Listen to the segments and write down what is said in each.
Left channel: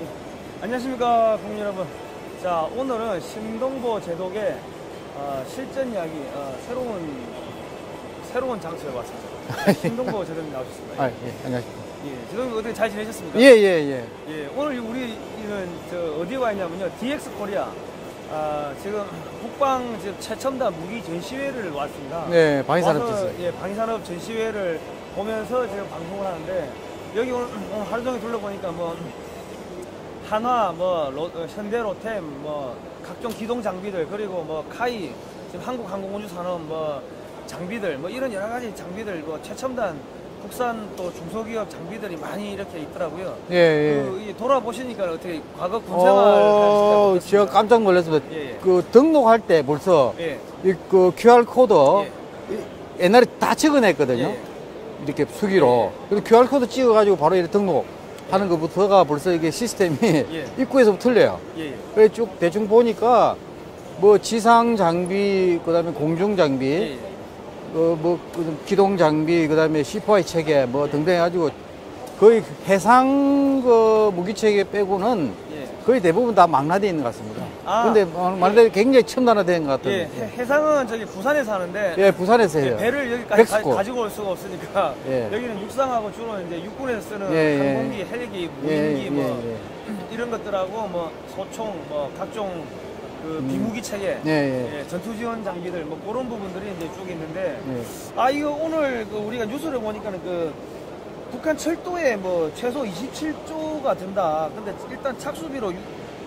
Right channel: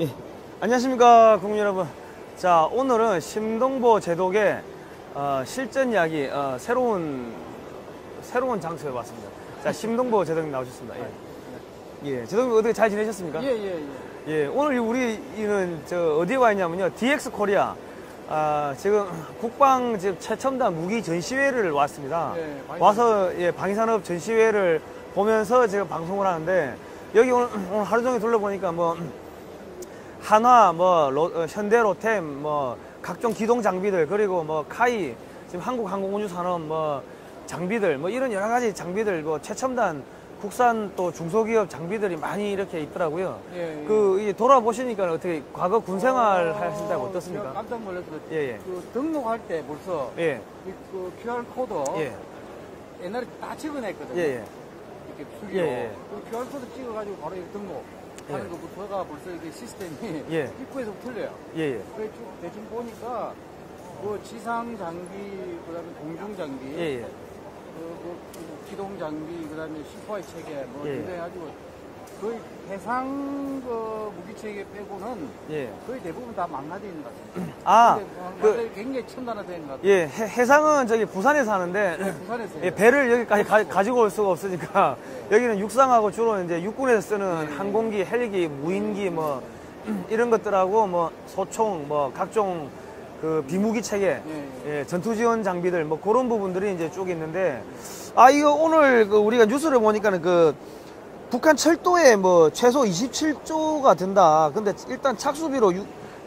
예. 안녕하십니까 국민 여러분. 자, 오늘은 심동보 제독의 실전 이야기 새로운 장소에 왔습니다. 심동보 제독님 나오셨습니다. 예, 안녕하십니까. 예, 제독님 어떻게 잘 지내셨습니까? 예. 오늘 우리는 어디에 와 있냐면요, DX 코리아. 지금 국방 최첨단 무기 전시회를 왔습니다. 네, 방위산업 와서 방위산업 전시회를 보면서 제가 방송을 하는데, 여기 오늘 하루 종일 둘러보니까 한화, 현대 로템, 각종 기동 장비들, 그리고 카이, 지금 한국항공운輸산업 장비들, 이런 여러 가지 장비들, 최첨단 국산 또 중소기업 장비들이 많이 이렇게 있더라고요. 예. 돌아보시니까 어떻게 과거 군생활 제가 깜짝 놀랐습니다. 예. 그 등록할 때 벌써 그 QR 코드 옛날에 다 찍어냈거든요. 이렇게 수기로. 그래서 QR 코드 찍어가지고 바로 이렇게 등록하는 것부터가 벌써 이게 시스템이 입구에서부터 틀려요. 그래서 쭉 대충 보니까 지상 장비, 그다음에 공중 장비. 기동 장비, 그 다음에 C4I 체계, 등등 해가지고, 거의 해상 무기 체계 빼고는 거의 대부분 다 망라되어 있는 것 같습니다. 근데 말대로 굉장히 첨단화된 것 같아요. 해상은 저기 부산에서 하는데. 부산에서 해요. 배를 여기까지 가지고 올 수가 없으니까. 여기는 육상하고 주로 이제 육군에서 쓰는 항공기, 헬기, 무인기, 이런 것들하고 소총, 각종 비무기 체계, 전투 지원 장비들, 그런 부분들이 이제 쭉 있는데, 이거 오늘 우리가 뉴스를 보니까는 북한 철도에 최소 27조가 든다. 근데 일단 착수비로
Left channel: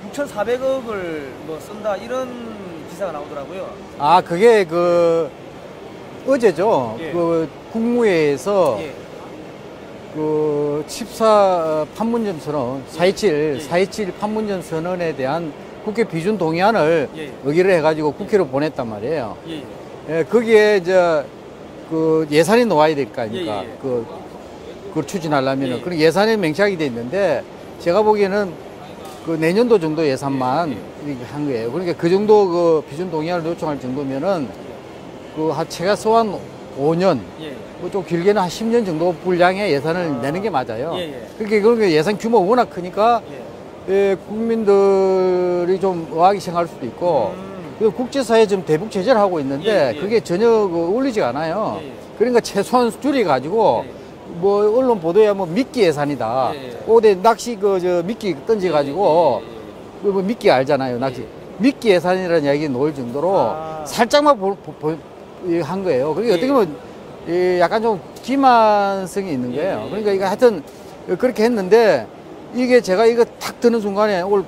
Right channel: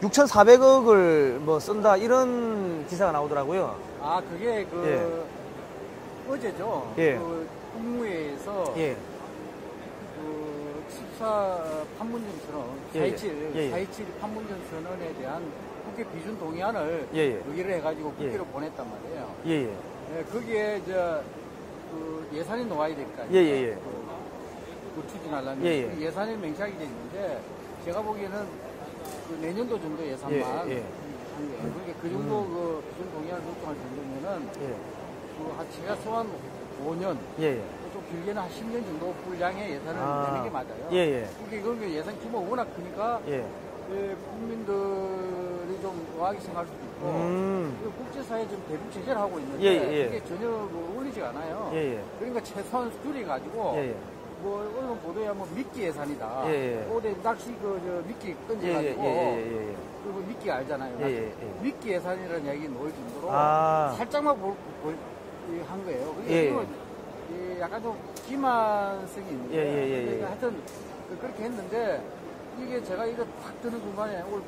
6,400억을 쓴다. 이런 기사가 나오더라고요. 그게 어제죠. 국무회에서 14 판문점 선언, 4.27 판문점 선언에 대한 국회 비준 동의안을 의결을 해가지고 국회로 보냈단 말이에요. 거기에 예산이 나와야 될 거 아닙니까? 그걸 추진하려면 그런 예산이 명시하게 돼 있는데, 제가 보기에는 내년도 정도 예산만 이렇게 한 거예요. 그러니까 그 정도 비준 동의안을 요청할 정도면은 최소 한 5년, 좀 길게는 한 10년 정도 분량의 예산을 내는 게 맞아요. 그러니까 예산 규모가 워낙 크니까 국민들이 좀 의아하게 생각할 수도 있고, 국제사회에 지금 대북 제재를 하고 있는데 그게 전혀 어울리지가 않아요. 그러니까 최소한 줄여가지고 언론 보도에 미끼 예산이다. 어디 낚시 미끼 던져가지고 미끼 알잖아요. 낚시 미끼 예산이라는 이야기 나올 정도로 살짝만 한 거예요. 그러니까 어떻게 보면 약간 좀 기만성이 있는 거예요. 그러니까 이거 하여튼 그렇게 했는데, 이게 제가 이거 탁 드는 순간에 오늘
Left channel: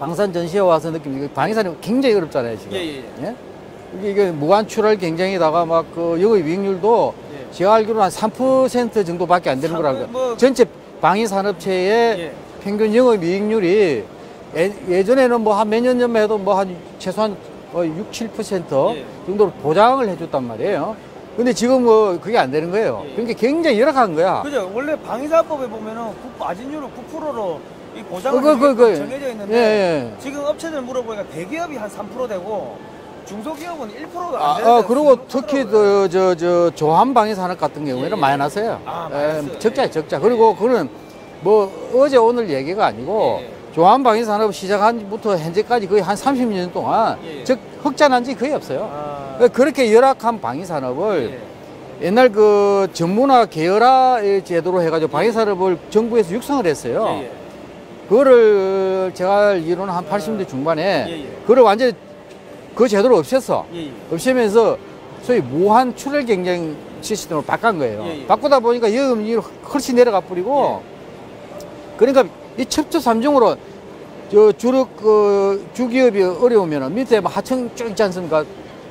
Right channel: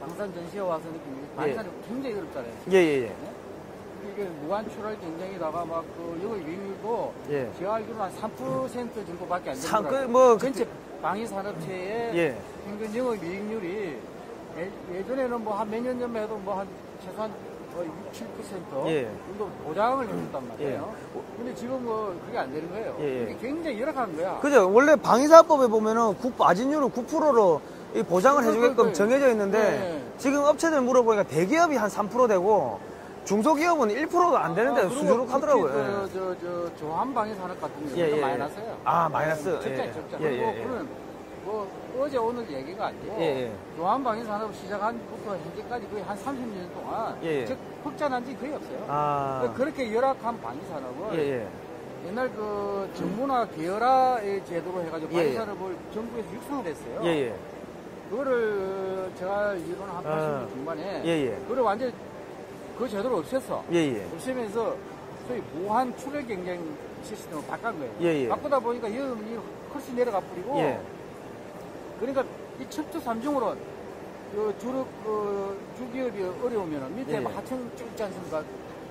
방산 전시회 와서 느낀 게, 방위산이 굉장히 어렵잖아요, 지금. 이게 무한 출할 경쟁에다가 영업 이익률도 제가 알기로는 한 3% 정도밖에 안 되는 거라고. 전체 방위산업체의 평균 영업 이익률이 예전에는 한 몇 년 전만 해도 한 최소한 6, 7% 정도로 보장을 해줬단 말이에요. 근데 지금 그게 안 되는 거예요. 그러니까 굉장히 열악한 거야. 그죠. 원래 방위사업법에 보면은 마진율을 9%로 이 보장을 정해져 있는데, 지금 업체들 물어보니까 대기업이 한 3% 되고 중소기업은 1%가 안 되는데. 그리고 특히 조한 방위산업 같은 경우에는 마이너스예요. 적자. 그리고 그거는 어제 오늘 얘기가 아니고 조한 방위산업 시작한부터 현재까지 거의 한 30년 동안 즉 흑자난 지 거의 없어요. 그렇게 열악한 방위산업을 옛날 전문화 계열화 제도로 해가지고 방위산업을 정부에서 육성을 했어요. 그거를 제가 알기로는 한 80년대 중반에 그걸 완전히 그 제도를 없앴어. 없애면서 소위 무한 출혈 경쟁 시스템으로 바꾼 거예요. 바꾸다 보니까 영업이익이 훨씬 내려가 버리고, 그러니까 이 첩첩 삼중으로 주기업이 어려우면 밑에 하청 쭉 있지 않습니까?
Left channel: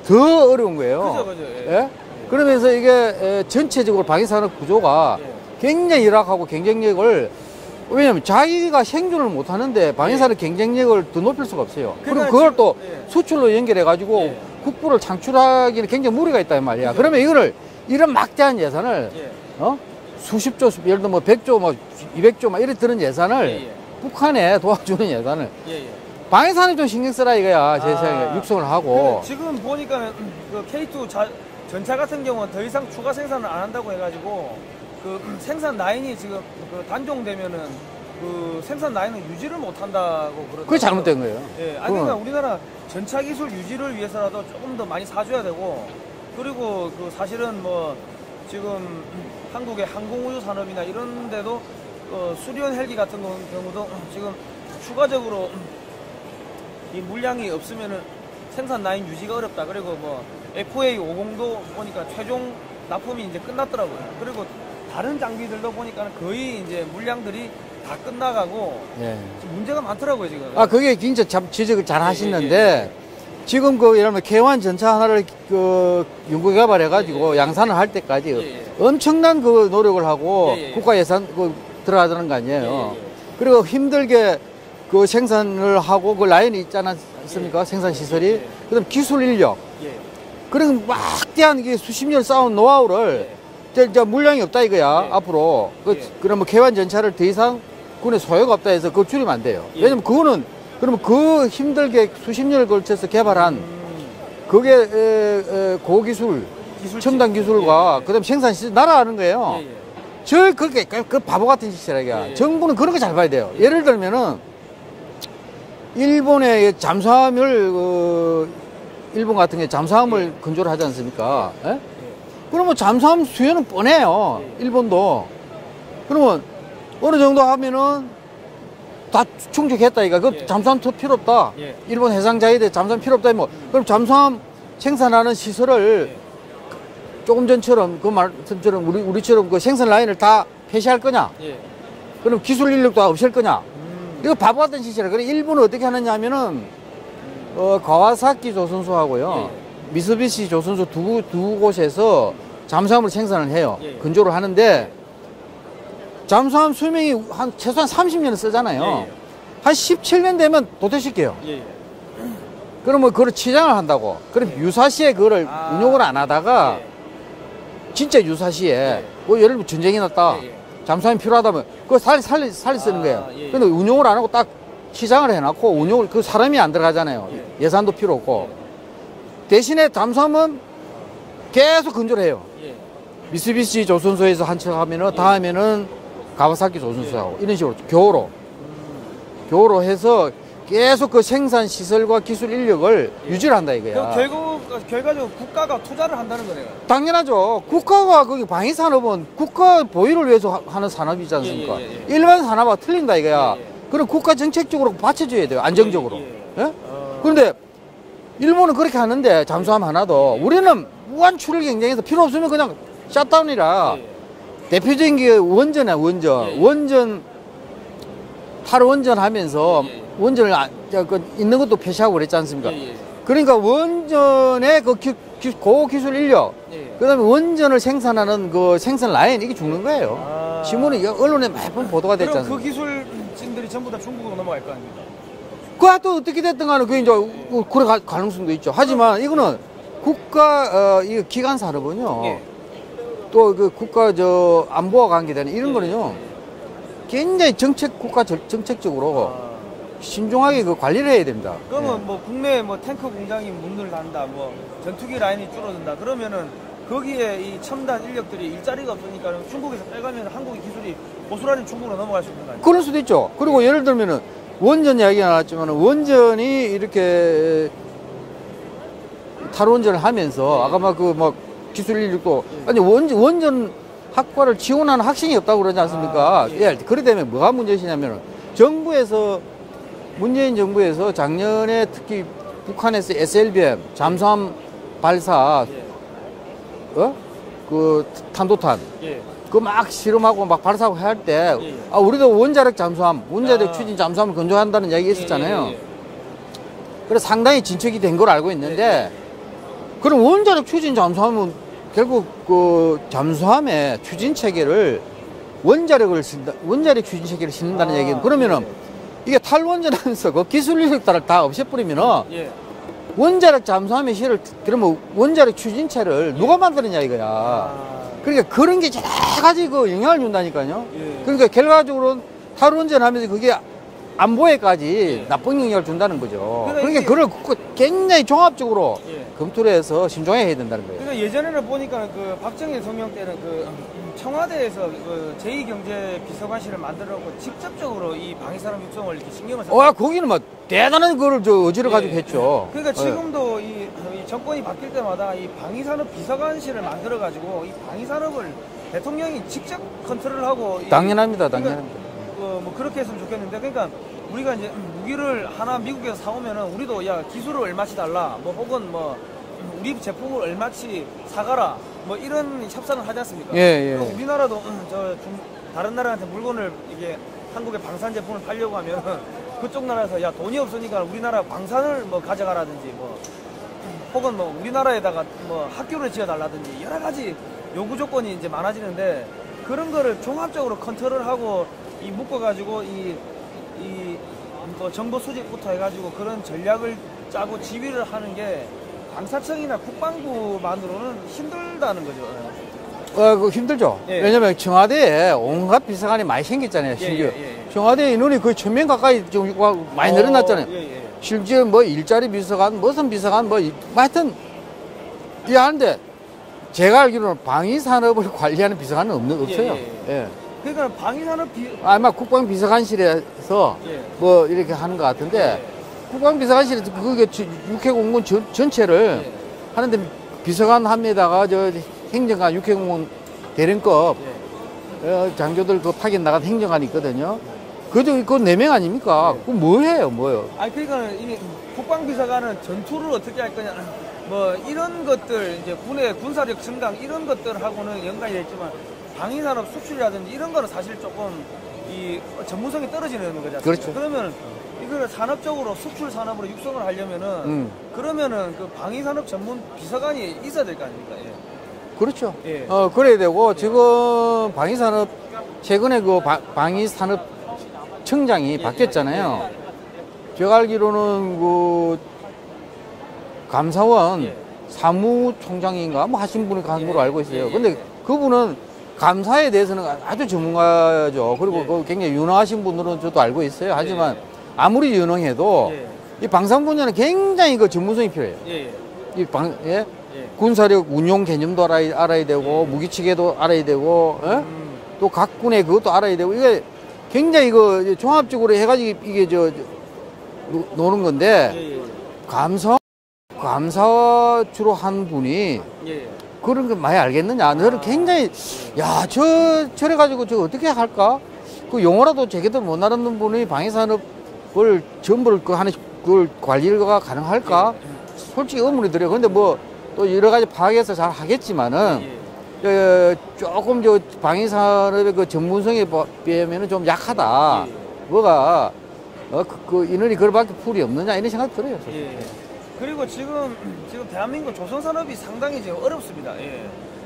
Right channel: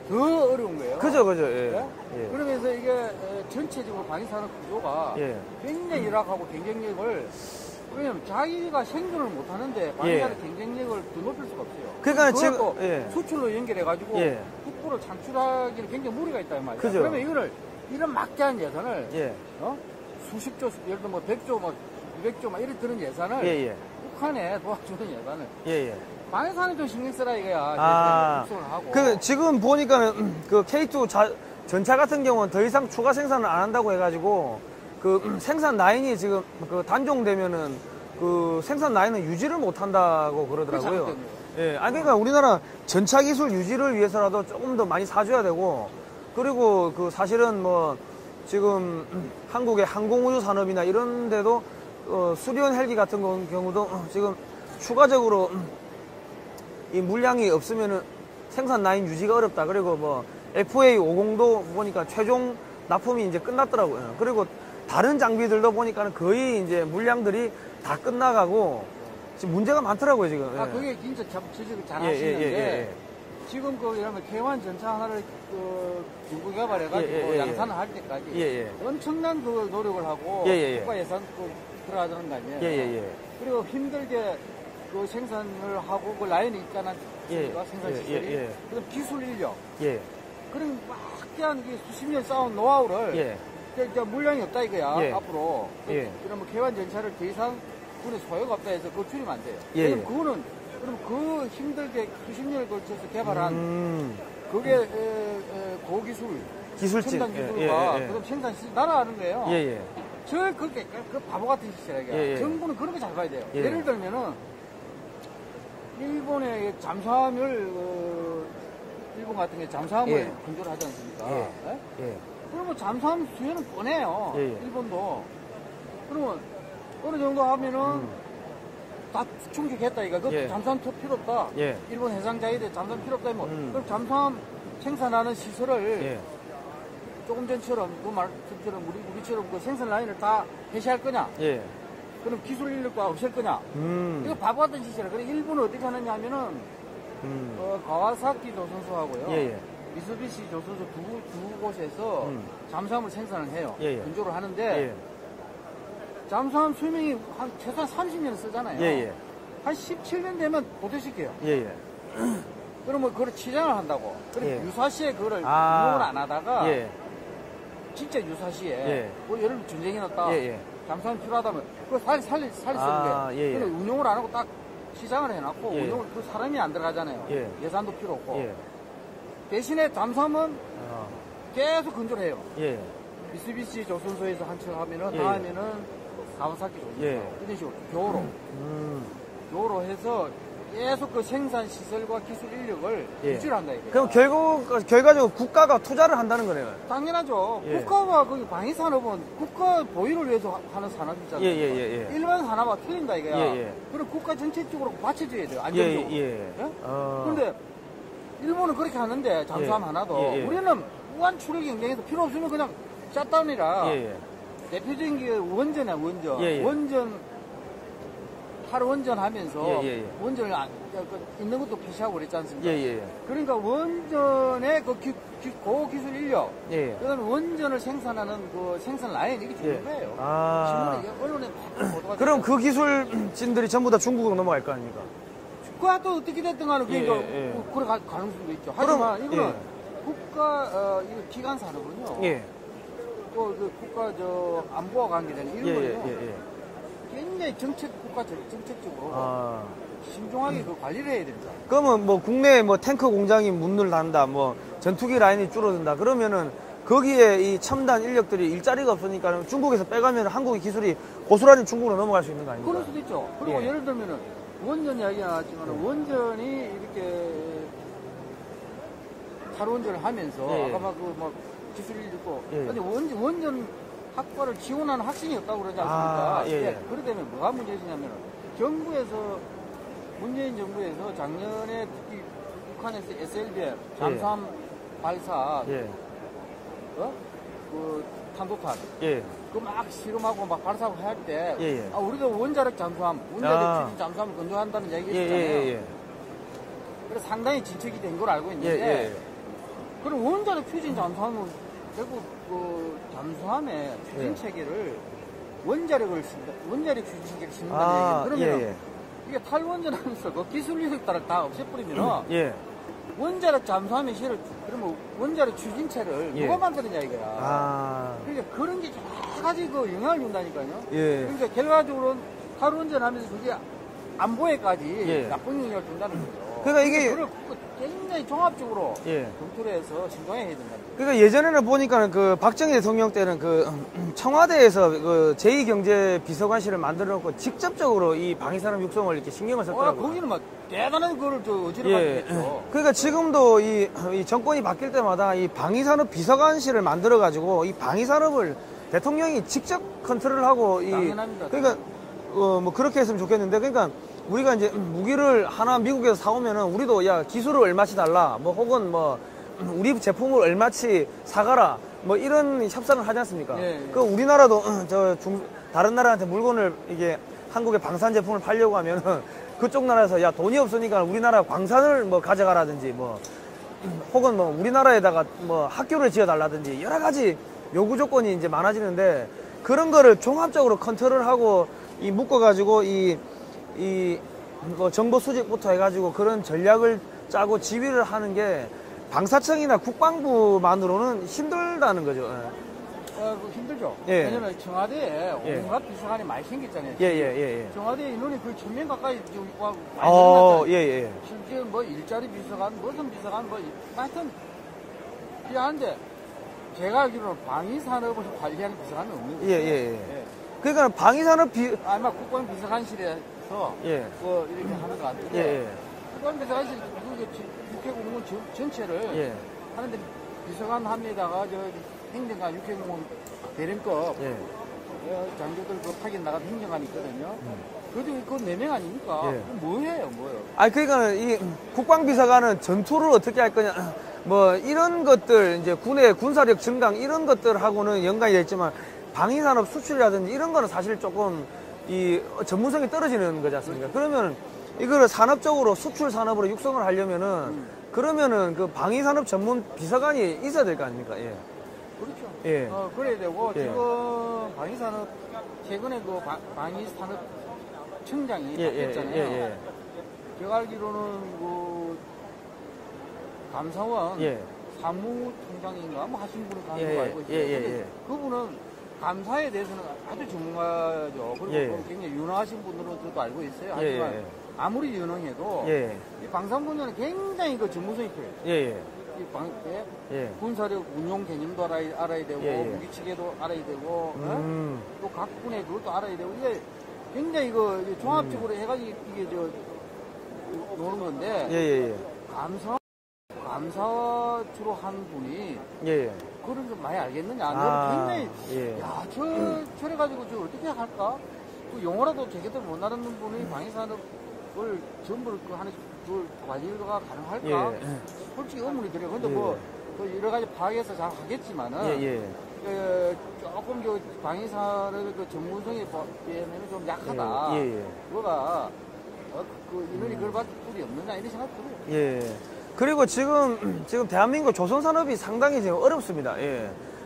더 어려운 거예요. 그죠. 그러면서 이게 전체적으로 방위산업 구조가 굉장히 열악하고 경쟁력을, 왜냐면 자기가 생존을 못 하는데 방위산업 경쟁력을 더 높일 수가 없어요. 그리고 그걸 또 수출로 연결해가지고 국부를 창출하기는 굉장히 무리가 있단 말이야. 그러면 이런 막대한 예산을, 수십조, 예를 들면 100조, 200조, 이렇게 드는 예산을 북한에 도와주는 예산을 방위산업에 좀 신경 쓰라 이거야. 제 생각에 육성을 하고. 지금 보니까 K2 전차 같은 경우는 더 이상 추가 생산을 안 한다고 해가지고 생산 라인이 지금 단종되면은 그 생산 라인을 유지를 못한다고 그러더라고요. 그게 잘못된 거예요. 예, 아니 그러니까 우리나라 전차 기술 유지를 위해서라도 조금 더 많이 사줘야 되고, 그리고 그 사실은 뭐 지금 한국의 항공우주 산업이나 이런 데도 수리온 헬기 같은 경우도 지금 추가적으로 이 물량이 없으면은 생산 라인 유지가 어렵다. 그리고 뭐 FA50도 보니까 최종 납품이 이제 끝났더라고요. 그리고 다른 장비들도 보니까 거의 이제 물량들이 다 끝나가고 예. 지금 문제가 많더라고요 지금. 아 그게 진짜 지적을 잘 하시는데 지금 그 예를 들면 K1 전차 하나를 그 연구 개발해가지고 양산을 할 때까지 엄청난 그 노력을 하고 국가 예산 그 들어가는 거 아니에요. 그리고 힘들게 그 생산을 하고 그 라인이 있지 않습니까? 생산 시설이. 그다음 기술 인력. 그런 막대한 게 수십 년 쌓은 노하우를 이제 물량이 없다 이거야 앞으로. 그러면 K1 전차를 더 이상 군에 소요가 없다 해서 그거 줄이면 안 돼요. 왜냐면 그거는 그러면 그 힘들게 수십 년을 걸쳐서 개발한 그게 고기술, 첨단 기술과 그다음 생산 시설 날아가는 거예요. 저 그렇게 그 바보 같은 짓이라. 정부는 그런 거 잘 봐야 돼요. 예를 들면은 일본의 잠수함을 일본 같은 게 잠수함을 건조를 하지 않습니까? 그러면 잠수함 수요는 뻔해요. 일본도. 그러면 어느 정도 하면은 다 충족했다 이거. 그 잠수함 필요 없다. 일본 해상자위대 잠수함 필요 없다. 뭐 그럼 잠수함 생산하는 시설을 조금 전처럼 그 말씀처럼 우리처럼 그 생산 라인을 다 폐쇄할 거냐? 그럼 기술 인력도 없앨 거냐? 이거 바보 같은 짓이라. 그래 일본은 어떻게 하느냐 하면은 가와사키 조선소하고요. 미쓰비시 조선소 두 곳에서 잠수함을 생산을 해요. 건조를 하는데 잠수함 수명이 최소한 30년을 쓰잖아요. 한 17년 되면 도태시켜요. 그러면 그걸 치장을 한다고. 그럼 유사시에 그거를 운용을 안 하다가 진짜 유사시에 뭐 예를 들면 전쟁이 났다. 잠수함이 필요하다면 그거 살리 쓰는 거예요. 근데 운용을 안 하고 딱 시장을 해놨고 운용을 그 사람이 안 들어가잖아요. 예산도 필요 없고. 대신에 잠수함은 계속 건조를 해요. 미쓰비시 조선소에서 한 척 하면은 다음에는 가와사키 조선소하고 이런 식으로 교호로 해서 계속 그 생산 시설과 기술 인력을 유지를 한다 이거야. 그럼 결과적으로 국가가 투자를 한다는 거네요. 당연하죠. 국가가 거기 방위 산업은 국가 보유를 위해서 하는 산업이지 않습니까? 일반 산업과 틀린다 이거야. 그럼 국가 정책적으로 받쳐줘야 돼요. 안정적으로. 그런데 일본은 그렇게 하는데 잠수함 하나도 우리는 무한 출혈 경쟁에서 필요 없으면 그냥 샷다운이라. 대표적인 게 원전이야 원전 탈원전 하면서 원전을 있는 것도 폐쇄하고 그랬지 않습니까? 그러니까 원전의 그 고기술 인력, 그다음에 원전을 생산하는 그 생산 라인 이게 죽는 거예요. 신문에 언론에 매번 보도가 됐지 않습니까? 그럼 그 기술진들이 전부 다 중국으로 넘어갈 거 아닙니까? 그것도 어떻게 됐든 간에 그게 이제 그럴 가능성도 있죠. 하지만 이거는 국가 이 기관 산업은요. 또 그 국가 안보와 관계되는 이런 거는요. 굉장히 국가 정책적으로 신중하게 그 관리를 해야 됩니다. 그러면 뭐 국내에 뭐 탱크 공장이 문을 닫는다, 뭐 전투기 라인이 줄어든다 그러면은 거기에 이 첨단 인력들이 일자리가 없으니까 중국에서 빼가면 한국의 기술이 고스란히 중국으로 넘어갈 수 있는 거 아니에요? 그럴 수도 있죠. 그리고 예를 들면은 원전 이야기가 나왔지만 원전이 이렇게 탈원전을 하면서 아까 막 기술 인력도 아니 원전 학과를 지원하는 학생이 없다고 그러지 않습니까? 그래 되면 뭐가 문제시냐면 정부에서 문재인 정부에서 작년에 특히 북한에서 SLBM 잠수함 발사 그 탄도탄 그 막 실험하고 막 발사하고 할 때 우리도 원자력 잠수함, 원자력 추진 잠수함을 건조한다는 이야기 있었잖아요. 그래서 상당히 진척이 된 걸 알고 있는데 그럼 원자력 추진 잠수함은 결국 그 잠수함의 추진 체계를 원자력 추진 체계를 싣는다는 얘기는 그러면은 이게 탈원전하면서 그 기술 인력들을 다 없애버리면은 원자력 잠수함의 실을 그러면 원자력 추진체를 누가 만드느냐 이거야. 그러니까 그런 게 여러 가지 그 영향을 준다니까요. 그러니까 결과적으로는 탈원전 하면서 그게 안보에까지 나쁜 영향을 준다는 거죠. 그러니까 그걸 굉장히 종합적으로 검토를 해서 신중하게 해야 된다는 거예요. 그러니까 예전에는 보니까 그 박정희 대통령 때는 그 청와대에서 그 제2경제비서관실을 만들어놓고 직접적으로 이 방위산업 육성을 이렇게 신경을 썼다. 거기는 막 대단한 거를 의지를 가지고 했죠. 그러니까 지금도 이 정권이 바뀔 때마다 이 방위산업 비서관실을 만들어가지고 이 방위산업을 대통령이 직접 컨트롤하고. 당연합니다, 당연합니다. 뭐 그렇게 했으면 좋겠는데, 그러니까 우리가 이제 무기를 하나 미국에서 사오면은 우리도 야 기술을 얼마치 달라, 뭐 혹은 뭐 우리 제품을 얼마치 사가라, 뭐 이런 협상을 하지 않습니까? 그리고 우리나라도 다른 나라한테 물건을 이게 한국의 방산 제품을 팔려고 하면은 그쪽 나라에서 야 돈이 없으니까 우리나라 광산을 뭐 가져가라든지 뭐 혹은 뭐 우리나라에다가 뭐 학교를 지어달라든지 여러 가지 요구 조건이 이제 많아지는데, 그런 거를 종합적으로 컨트롤하고 이 묶어가지고 뭐 정보 수집부터 해가지고 그런 전략을 짜고 지휘를 하는 게 방사청이나 국방부만으로는 힘들다는 거죠. 힘들죠. 왜냐면 청와대에 온갖 비서관이 많이 생겼잖아요. 청와대 인원이 거의 1000명 가까이 지금 많이 늘어났잖아요. 실제 뭐 일자리 비서관, 무슨 비서관, 뭐 하여튼 하는데 제가 알기로는 방위산업을 관리하는 비서관은 없어요. 그러니까 방위산업 아마 국방비서관실에서 뭐 이렇게 하는 것 같은데, 국방비서관실에서 그게 육해공무원 전체를 하는데 비서관 합에다가 저 행정관, 육해공무원 대령급 장교들 그 파견 나간 행정관이 있거든요. 그래도 그거 4명 아닙니까? 그거 뭐예요? 그러니까 이 국방비서관은 전투를 어떻게 할 거냐, 뭐 이런 것들, 이제 군의 군사력 증강 이런 것들하고는 연관이 있지만 방위산업 수출이라든지 이런 거는 사실 조금 이 전문성이 떨어지는 거잖아요. 그렇죠. 그러면 이거를 산업적으로 수출 산업으로 육성을 하려면은 그러면은 그 방위산업 전문 비서관이 있어야 될 거 아닙니까? 그렇죠. 그래야 되고 지금 방위산업 최근에 그 방위산업청장이 바뀌었잖아요. 제가 알기로는 그 감사원 사무총장인가 뭐 하신 분이 간 걸로 알고 있어요. 근데 그분은 감사에 대해서는 아주 전문가죠. 그리고 굉장히 유능하신 분들은 저도 알고 있어요. 하지만 아무리 유능해도 이 방산 분야는 굉장히 그 전문성이 필요해요. 군사력 운용 개념도 알아야 되고 무기체계도 알아야 되고 또 각 군의 그것도 알아야 되고, 이게 굉장히 그 종합적으로 해가지고 이게 노는 건데 감사 주로 한 분이 그런 거 많이 알겠느냐? 너는 굉장히 저래가지고 저 어떻게 할까? 그 용어라도 제대로 못 알아듣는 분이 방위산업을 전부를 그걸 관리가 가능할까? 솔직히 의문이 들어요. 근데 뭐 또 여러 가지 파악해서 잘 하겠지만은 조금 방위산업의 그 전문성에 비하면은 좀 약하다. 뭐가 그 인원이 그거밖에 풀이 없느냐 이런 생각 들어요. 그리고 지금 대한민국 조선산업이 상당히 지금 어렵습니다.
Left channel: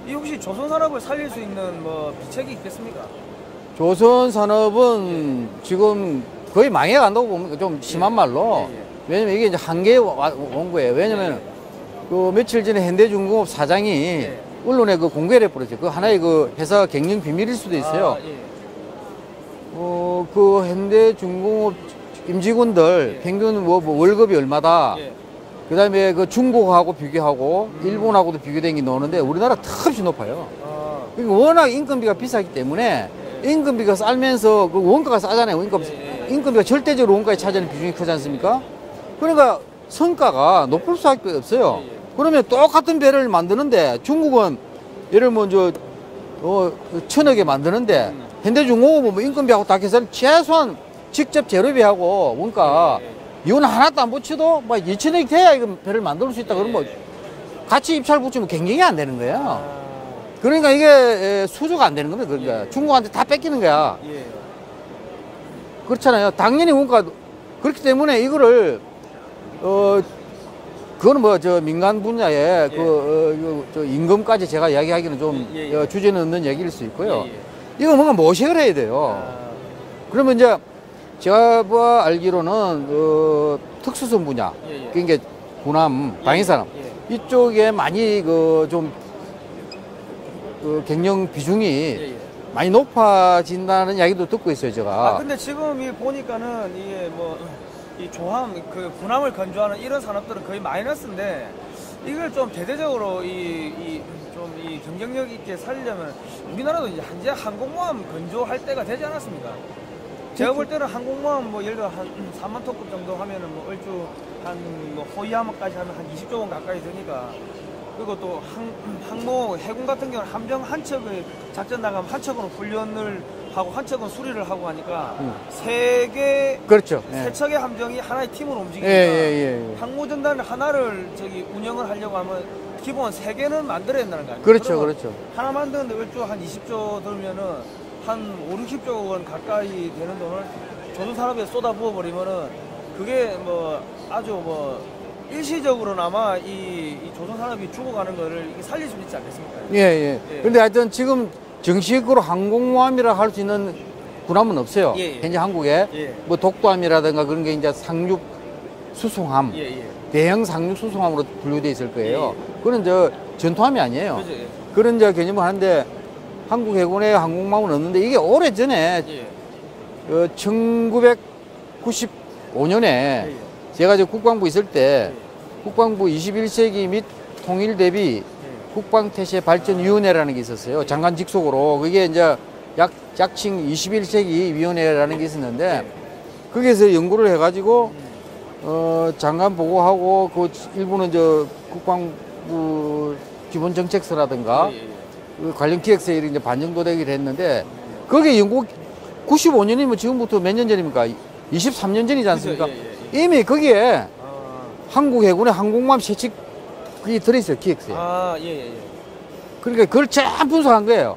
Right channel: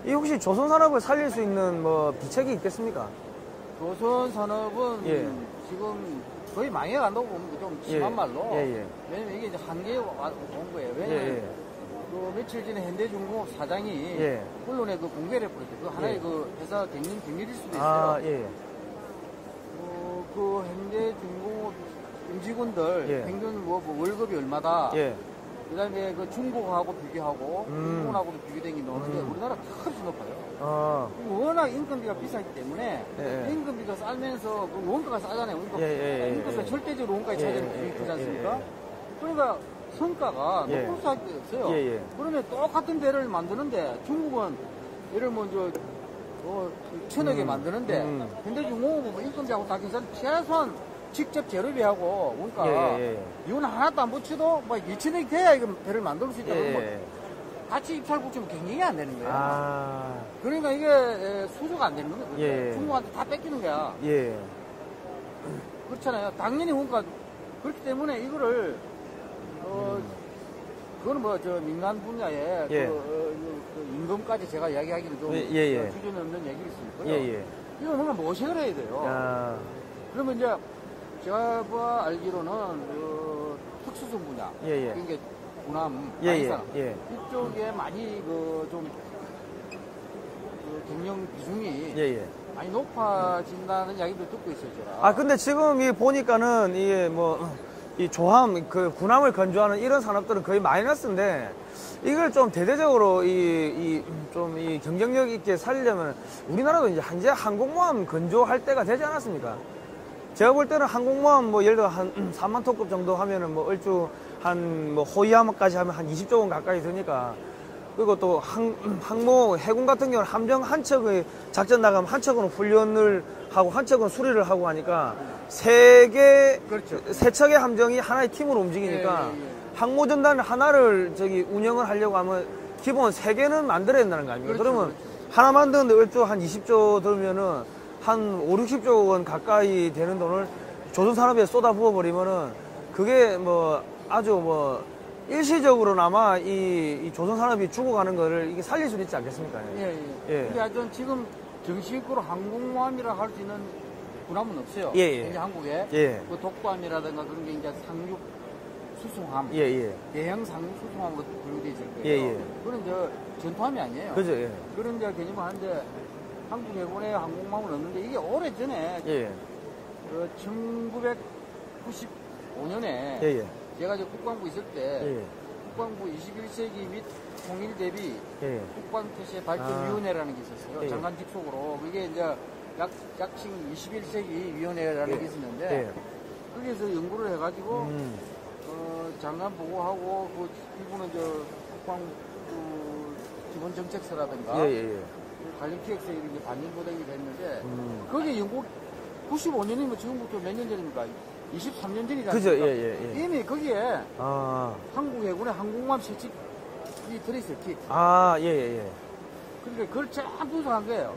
이 혹시 조선산업을 살릴 수 있는 뭐 비책이 있겠습니까? 조선산업은 지금 거의 망해간다고 보면 좀 심한 말로. 왜냐면 이게 이제 한계에 온 거예요. 왜냐면 그 며칠 전에 현대중공업 사장이 언론에 그 공개를 해버렸죠. 그 하나의 그 회사 경영 비밀일 수도 있어요. 그 현대중공업 임직원들 평균 뭐 월급이 얼마다. 그 다음에 그 중국하고 비교하고 일본하고도 비교된 게 나오는데 우리나라 턱없이 높아요. 그러니까 워낙 인건비가 비싸기 때문에 임금비가 싸면서 그 원가가 싸잖아요. 임금비가 절대적으로 원가에 차지하는 비중이 크지 않습니까? 그러니까 성과가 높을 수밖에 없어요. 그러면 똑같은 배를 만드는데 중국은 예를 들면 1000억에 만드는데 현대중공업은 뭐 인건비하고 다 계산 최소한 직접 재료비하고 원가 이건 하나도 안 붙여도 막 2천억이 돼야 이거 배를 만들 수 있다 그러면 같이 입찰 붙이면 경쟁이 안 되는 거예요. 그러니까 이게 수주가 안 되는 겁니다. 그러니까 중국한테 다 뺏기는 거야. 그렇잖아요. 당연히 원가 그렇기 때문에 이거를 그거는 뭐 민간 분야에 임금까지 제가 이야기하기는 좀 주제는 없는 얘기일 수 있고요. 이거 뭔가 모색을 해야 돼요. 그러면 이제 제가 알기로는 특수선 분야, 그러니까 군함, 방위산업 이쪽에 많이 좀 경영 비중이 많이 높아진다는 이야기도 듣고 있어요, 제가. 아, 근데 지금 이 보니까는 이게 뭐, 이 조함, 그 군함을 건조하는 이런 산업들은 거의 마이너스인데, 이걸 좀 대대적으로 이 경쟁력 있게 살려면 우리나라도 이제 현재 항공모함 건조할 때가 되지 않았습니까? 제가 볼 때는 항공모함 뭐 예를 들어 한 3만 톤급 정도 하면은 뭐 얼추 한 뭐 호위함까지 하면 한 20조 원 가까이 드니까, 그리고 또 항모 해군 같은 경우는 함정 한 척을 작전 나가면 한 척은 훈련을 하고 한 척은 수리를 하고 하니까 그렇죠. 세 척의 함정이 하나의 팀으로 움직이니까 항모 전단 하나를 운영을 하려고 하면 기본 3개는 만들어야 된다는 거 아니에요? 그렇죠, 그렇죠. 하나 만드는데 얼추 한 20조 들면은 한 5, 60조 원 가까이 되는 돈을 조선산업에 쏟아부어 버리면은 그게 뭐 아주 뭐 일시적으로나마 이 조선산업이 죽어가는 거를 이게 살릴 수 있지 않겠습니까? 예. 근데 하여튼 지금 정식으로 항공모함이라 할 수 있는 군함은 없어요. 현재 한국에. 뭐 독도함이라든가 그런 게 이제 상륙 수송함, 대형 상륙 수송함으로 분류되어 있을 거예요. 그건 저 전투함이 아니에요. 그죠, 그런 저 개념을 하는데 한국 해군에 항공모함은 없는데 이게 오래전에 1995년에 제가 저 국방부 있을 때 국방부 21세기 및 통일 대비 국방태세 발전위원회라는 게 있었어요. 장관 직속으로. 그게 이제 약칭 21세기 위원회라는 게 있었는데 거기에서 연구를 해가지고 장관 보고하고 그 일부는 저 국방부 기본정책서라든가 그 관련 기획서에 이제 반영도되기를 했는데 그게 연구 95년이면 지금부터 몇 년 전입니까? 23년 전이지 않습니까? 이미 거기에 한국 해군의 항공모함 세척이 들어있어요, 기획서에. 그러니까 그걸 쫙 분석한 거예요.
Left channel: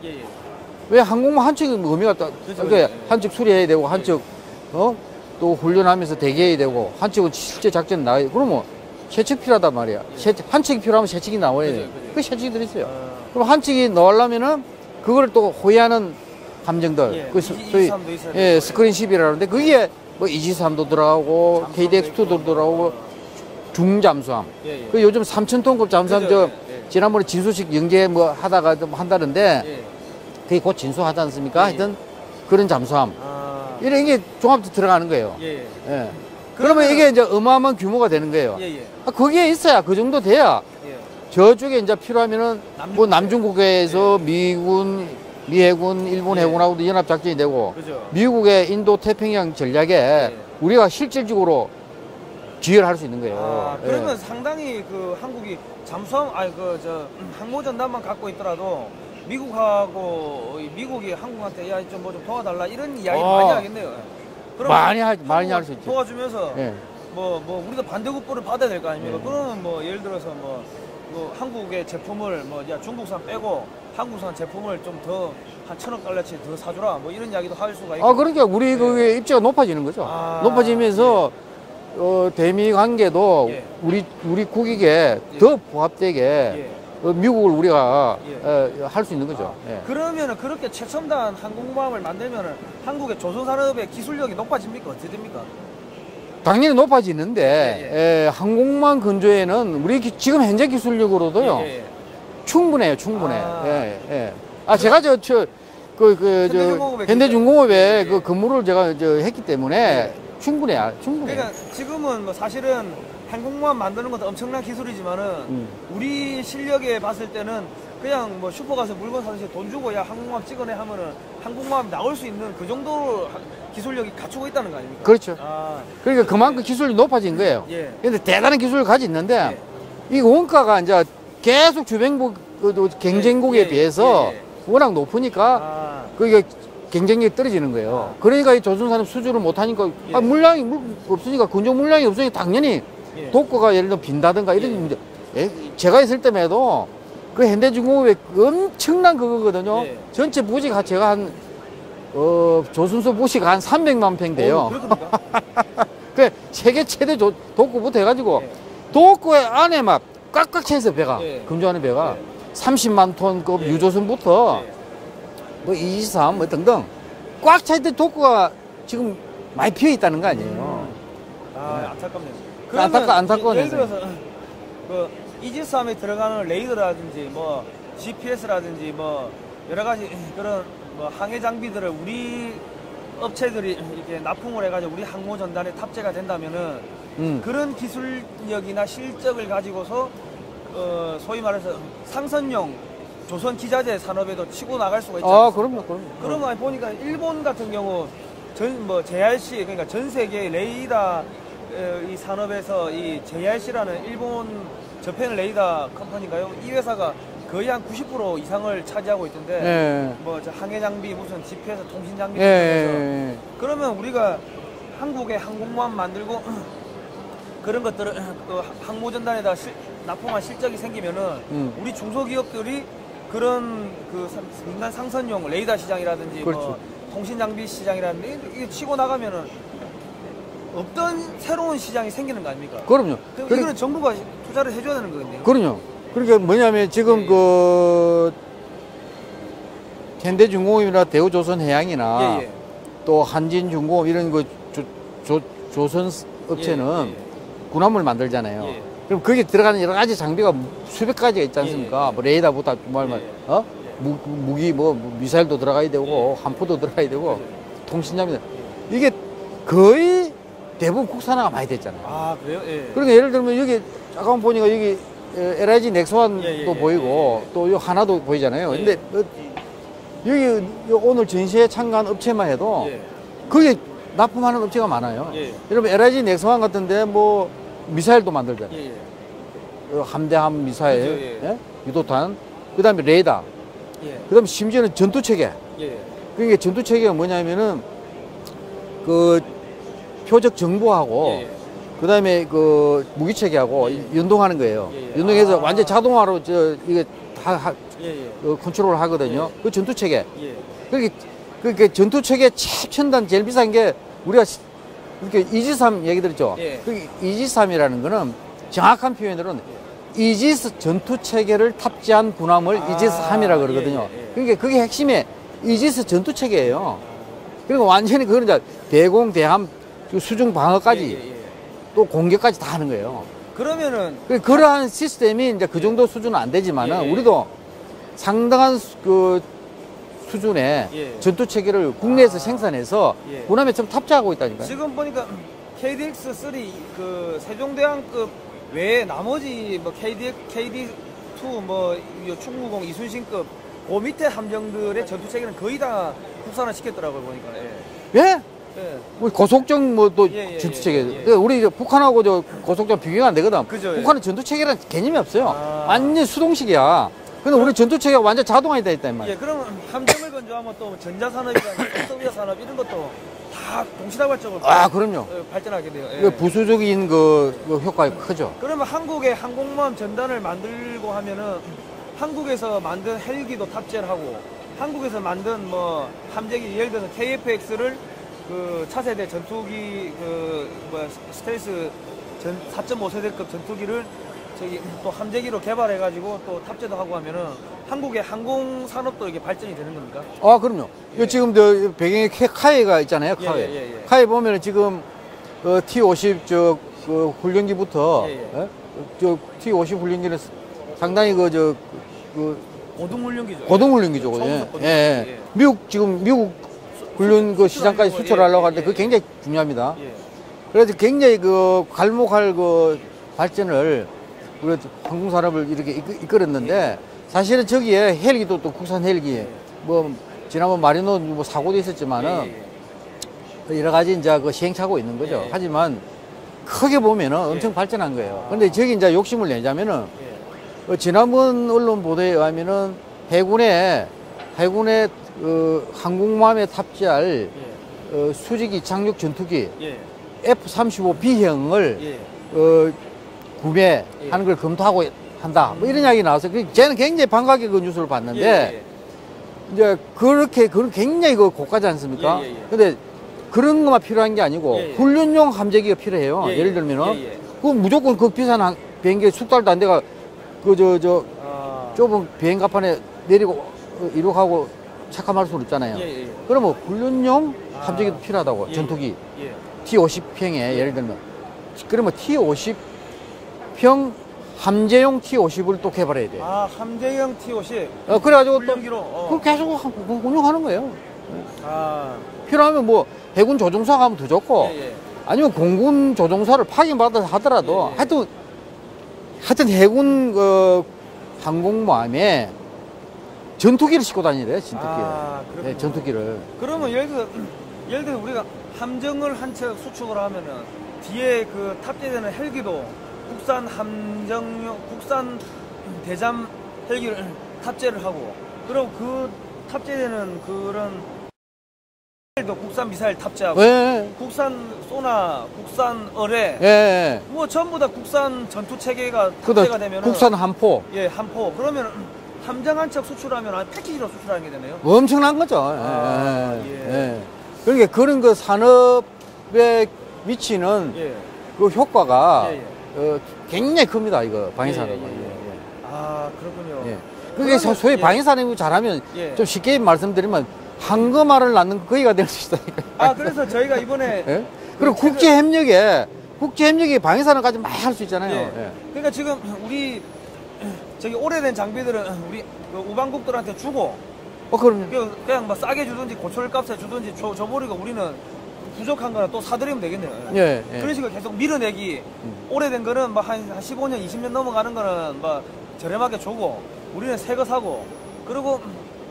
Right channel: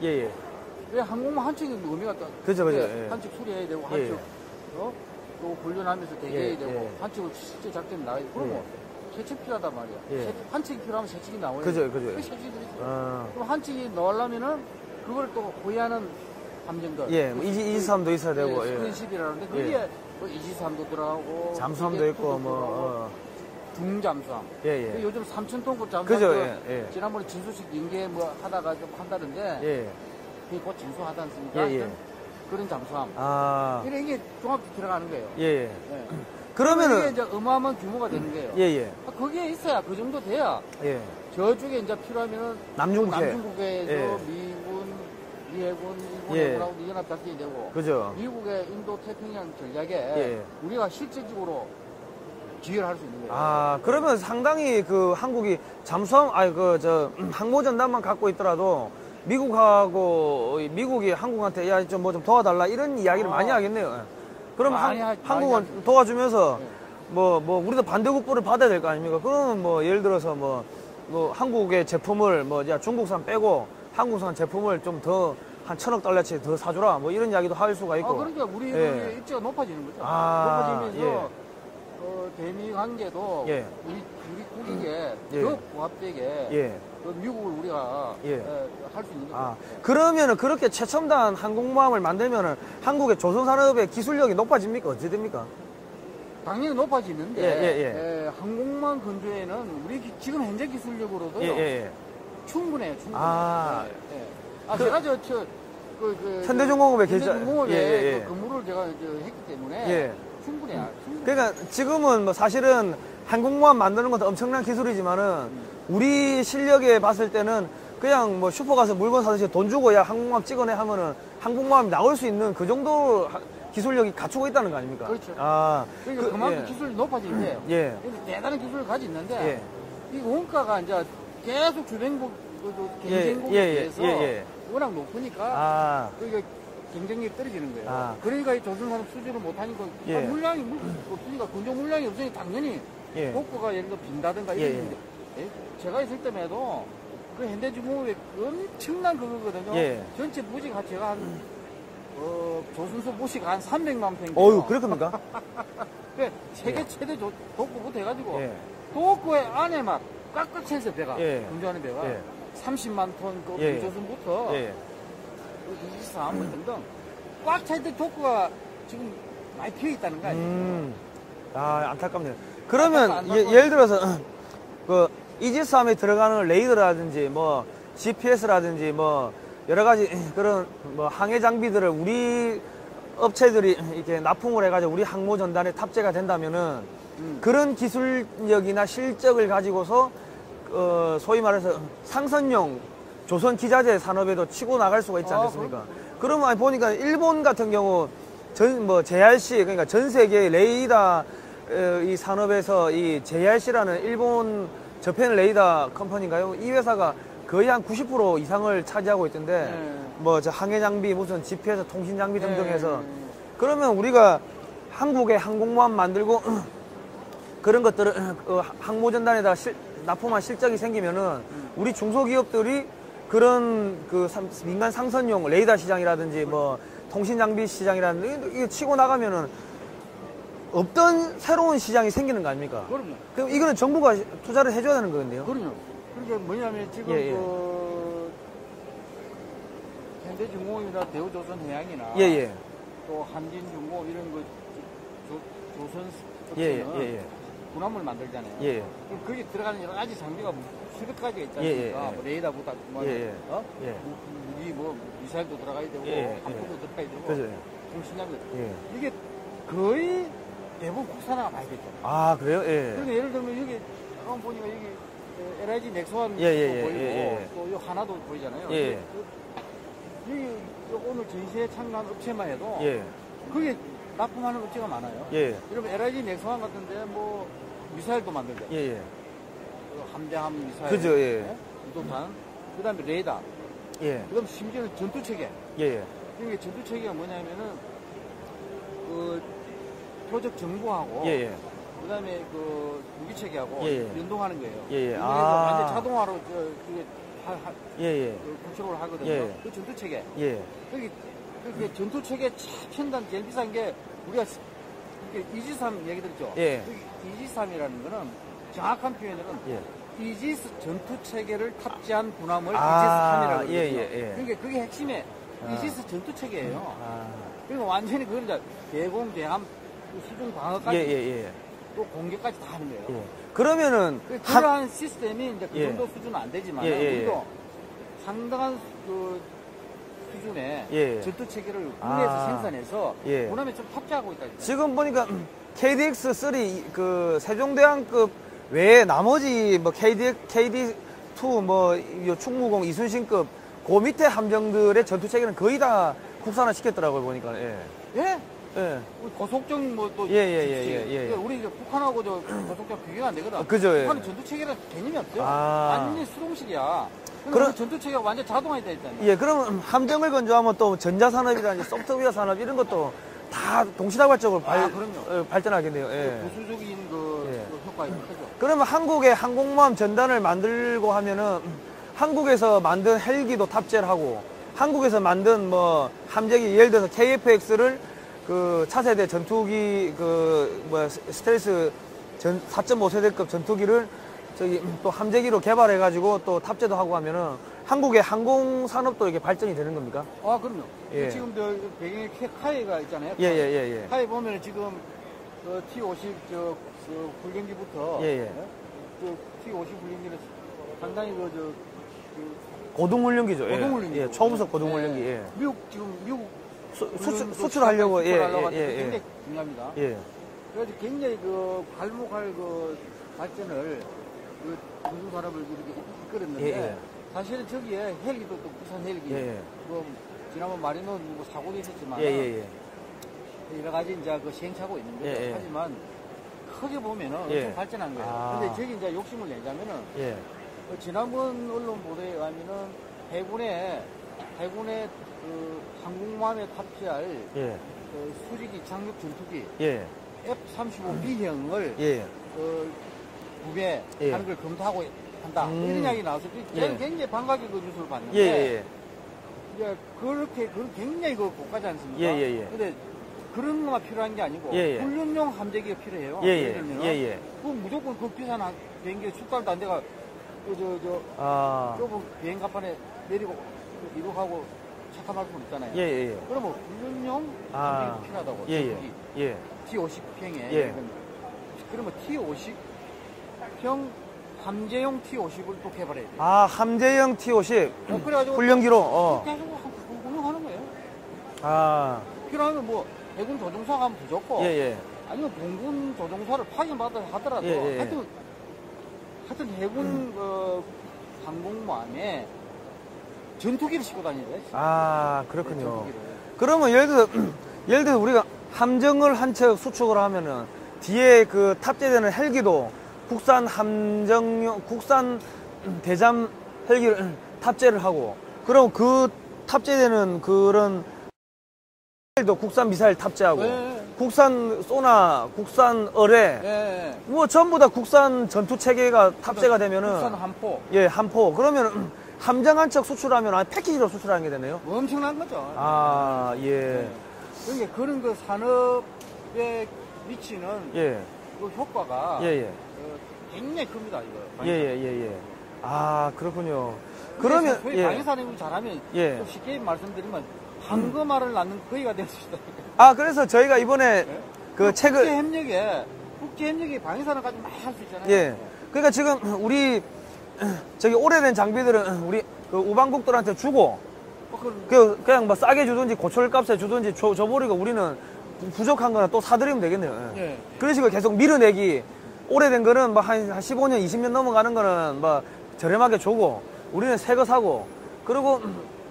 왜 항공모함 한 척이 의미가 딱, 그러니까 한 척 수리해야 되고, 한 척, 또 훈련하면서 대기해야 되고, 한 척은 실제 작전 나가야 돼. 그러면 세척 필요하단 말이야. 한 척이 필요하면 세척이 나와야 돼. 그 세척이 들어있어요. 그럼 한 척이 나오려면은 그걸 또 호위하는 함정들. 이지삼도 있어야 되고. 스크린십이라는데 그게 뭐 이지삼도 들어가고, KDX2도 들어가고, 중잠수함. 그 요즘 3,000톤급 잠수함 지난번에 진수식 연계 뭐 하다가 한다는데 그게 곧 진수하지 않습니까? 하여튼 그런 잠수함. 이런 게 종합도 들어가는 거예요. 그러면 이게 이제 어마어마한 규모가 되는 거예요. 거기에 있어야 그 정도 돼야 저쪽에 이제 필요하면은 뭐 남중국해에서 미군, 미해군, 일본 해군하고도 연합작전이 되고 미국의 인도 태평양 전략에 우리가 실질적으로 기여를 할 수 있는 거예요. 그러면 상당히 그 한국이 잠수함, 항모전단만 갖고 있더라도 미국이 한국한테 야, 좀 뭐 좀 도와달라 이런 이야기를 많이 하겠네요. 그럼 많이 할 수 있죠. 도와주면서 뭐 우리도 반대급부를 받아야 될 거 아닙니까? 그러면 뭐 예를 들어서 뭐 한국의 제품을 중국산 빼고 한국산 제품을 좀 더 한 1,000억 달러치 더 사주라 뭐 이런 이야기도 할 수가 있고. 그러니까 우리 그 입지가 높아지는 거죠. 높아지면서 대미 관계도 우리 국익에 더 부합되게 미국을 우리가 할 수 있는 거죠. 그러면은 그렇게 최첨단 항공모함을 만들면은 한국의 조선산업의 기술력이 높아집니까? 어떻게 됩니까? 당연히 높아지는데 항공모함 건조에는 우리 지금 현재 기술력으로도요 충분해요. 제가 현대중공업에 그 근무를 제가 했기 때문에 충분해요. 그러니까 지금은 뭐 사실은 항공모함 만드는 것도 엄청난 기술이지만은 우리 실력에 봤을 때는 그냥 뭐 슈퍼 가서 물건 사듯이 돈 주고 야 항공모함 찍어내 하면은 항공모함이 나올 수 있는 그 정도 기술력이 갖추고 있다는 거 아닙니까? 그렇죠. 그러니까 그만큼 기술이 높아진 거예요. 근데 대단한 기술을 가지고 있는데 이 원가가 이제 계속 주변국 경쟁국에 비해서 워낙 높으니까 그게 경쟁력이 떨어지는 거예요. 그러니까 이 조선산업 수주를 못하니까 물량이 없으니까 건조 물량이 없으니까 당연히 독거가 예를 들어 빈다든가 이런 문제. 제가 있을 때에도 그 현대중공업의 엄청난 그거거든요. 전체 부지가 제가 한 조선소 부지가 한 300만 평 돼요. 그렇습니까? 그 세계 최대 독거부터 해가지고 독거의 안에 막 꽉꽉 찼어요 배가. 건조하는 배가 30만 톤급 유조선부터 뭐 23, 뭐 등등 꽉 차있던 독거가 지금 많이 피어 있다는 거 아니에요. 안타깝네요. 그러면 예를 들어서 그 이지스함에 들어가는 레이더라든지 뭐 GPS라든지 뭐 여러 가지 그런 뭐 항해 장비들을 우리 업체들이 이렇게 납품을 해가지고 우리 항모 전단에 탑재가 된다면은 그런 기술력이나 실적을 가지고서 소위 말해서 상선용 조선 기자재 산업에도 치고 나갈 수가 있지 않습니까? 그럼요. 그러면 보니까 일본 같은 경우 뭐 JRC 그러니까 전 세계 레이더 이 산업에서 이 JRC라는 일본 저펜 레이더 컴퍼니인가요? 이 회사가 거의 한 90% 이상을 차지하고 있던데 예. 뭐 저 항해 장비 무슨 GPS 통신 장비 등등해서 그러면 우리가 한국에 항공모함 만들고 그런 것들을 항모전단에다 납품한 실적이 생기면은 우리 중소기업들이 그런 그 민간 상선용 레이더 시장이라든지 그렇죠. 뭐 통신 장비 시장이라든지 이게 치고 나가면은 없던 새로운 시장이 생기는 거 아닙니까? 그럼요. 그럼 이거는 정부가 투자를 해줘야 되는 거거든요. 그럼요. 그러니까 뭐냐면 지금 그 현대중공업이나 대우조선해양이나 또 한진중공업 이런 그 조선 업체는 군함을 만들잖아요. 그럼 거기에 들어가는 여러 가지 장비가 수백 가지가 있지 않습니까? 뭐 레이더부터 무기 뭐 미사일도 들어가야 되고 함포도 들어가야 되고 통신장비 이게 거의 대부분 국산화가 많이 됐잖아요. 아 그래요? 그러니까 예를 들면 여기 잠깐 보니까 여기 LIG 넥스원도 보이고 또 요 하나도 보이잖아요. 근데 여기 오늘 전시회 참가한 업체만 해도 거기에 납품하는 업체가 많아요. 여러분 LIG 넥스원 같은데 뭐 미사일도 만들잖아요. 함대함 미사일, 그죠, 유도탄, 그다음에 레이더, 그다음에 심지어는 전투체계. 그게 전투체계가 뭐냐면은 그 표적 정보하고 그다음에 그 무기체계하고 연동하는 거예요. 연동해서 완전 자동화로 이게 다 컨트롤을 하거든요. 그 전투체계. 그러니까 전투체계 최첨단 제일 비싼 게 우리가 이렇게 이지삼 얘기 들었죠. 그 이지삼이라는 거는 정확한 표현으로는 이지스 전투체계를 탑재한 군함을 이지스3이라고 그러거든요. 그러니까 그게 핵심의 이지스 전투체계예요. 그리고 완전히 그건 이제 대공, 대함, 수중 방어까지 또 공격까지 다 하는 거예요. 그러면은 그러한 시스템이 이제 그 정도 수준은 안 되지만은 우리도 상당한 그 수준의 전투 체계를 국내에서 생산해서 군함에 좀 탑재하고 있다니까요. 지금 보니까 KDX3 그 세종대왕급 외에 나머지 뭐 KD2 뭐 충무공 이순신급 그 밑에 함정들의 전투 체계는 거의 다 국산화 시켰더라고요 보니까. 우리 고속정 뭐 또 전투 체계. 우리 북한하고 저 고속정 비교가 안 되거든. 그죠, 북한은 전투 체계라는 개념이 없어요. 완전 수동식이야. 근데 우리 전투 체계가 완전 자동화돼 있다 이 말이야. 그럼 함정을 건조하면 또 전자산업이라든지 소프트웨어 산업 이런 것도 다 동시다발적으로 그럼요. 발전하겠네요. 부수적인 그 효과가 크죠. 그러면 한국에 항공모함 전단을 만들고 하면은 한국에서 만든 헬기도 탑재를 하고 한국에서 만든 뭐 함재기 예를 들어서 KF-X를 그 차세대 전투기 스텔스 4.5세대급 전투기를 저기 또 함재기로 개발해가지고 또 탑재도 하고 하면은 한국의 항공 산업도 이렇게 발전이 되는 겁니까? 그럼요. 지금 저 배경에 카이가 있잖아요. 카이 보면은 지금 T-50 그 훈련기부터 저 T-50 훈련기는 상당히 그 고등훈련기죠. 고등훈련기죠. 미국 훈련 그 시장까지 수출하려고 하는데 그게 굉장히 중요합니다. 그래서 굉장히 그 갈목할 그 발전을 우리 항공산업을 이렇게 이끌었는데 사실은 저기에 헬기도 또 국산 헬기 뭐 지난번 마리노 뭐 사고도 있었지만은 여러 가지 이제 그 시행착오 있는 거죠. 하지만 크게 보면은 엄청 발전한 거예요. 근데 저기 이제 욕심을 내자면은 지난번 언론 보도에 의하면은 해군의 항공모함에 탑재할 수직이 착륙 전투기 F-35B형을 구매하는 걸 검토하고 한다. 뭐 이런 이야기 나와서 저는 굉장히 반갑게 그 뉴스를 봤는데 이제 그렇게 굉장히 그 고가지 않습니까? 근데 그런 것만 필요한 게 아니고 훈련용 함재기가 필요해요. 예를 들면은 그 무조건 그 비싼 비행기 숙달도 안 돼가 좁은 비행갑판에 내리고 이륙하고 착함할 수는 있잖아요. 그러면 훈련용 함재기도 필요하다고. 전투기 T-50평에 예를 들면 그러면 T-50평 함재용 T50을 또 개발해야 돼요. 아, 함재용 T50. 그래가지고 훈련기로. 계속 운영하는 거예요. 아. 필요하면 뭐 해군 조종사 가면 더 좋고, 예, 예. 아니면 공군 조종사를 파견받아 하더라도, 예, 예. 하여튼 해군 항공모함에 전투기를 싣고 다니래요, 전투기. 아, 그렇군요. 네, 전투기를. 그러면 예를 들어 우리가 함정을 한 척 수축을 하면은 뒤에 그 탑재되는 헬기도 국산 국산 대잠 헬기를 탑재를 하고, 그리고 그 탑재되는 그런 도 국산 미사일 탑재하고, 네. 국산 소나, 국산 어뢰, 네. 뭐 전부 다 국산 전투 체계가 탑재가 되면 국산 함포. 예, 함포. 그러면 함정 한 척 수출하면 패키지로 수출하는 게 되네요. 엄청난 거죠. 아, 예. 예. 그러니까 그런 그 산업에 미치는 예. 그 효과가 예, 예. 굉장히 큽니다, 이거 방위산업. 아, 그렇군요. 그게 소위 예. 방위산업이 잘하면 예. 좀 쉽게 말씀드리면 황금알을 낳는 거기가 될 수 있다니까. 아, 그래서 저희가 이번에 예? 그 그리고 국제협력에 방위산업까지 많이 할 수 있잖아요. 예. 그러니까 지금 우리 저기 오래된 장비들은 우리 그 우방국들한테 주고, 그럼요. 그냥 뭐 싸게 주든지 고철값에 주든지 줘버리고 우리는 부족한 거는 또 사드리면 되겠네요. 예, 예. 그런 식으로 계속 밀어내기. 오래된 거는 뭐 한 15년, 20년 넘어가는 거는 뭐 저렴하게 주고, 우리는 새 거 사고, 그리고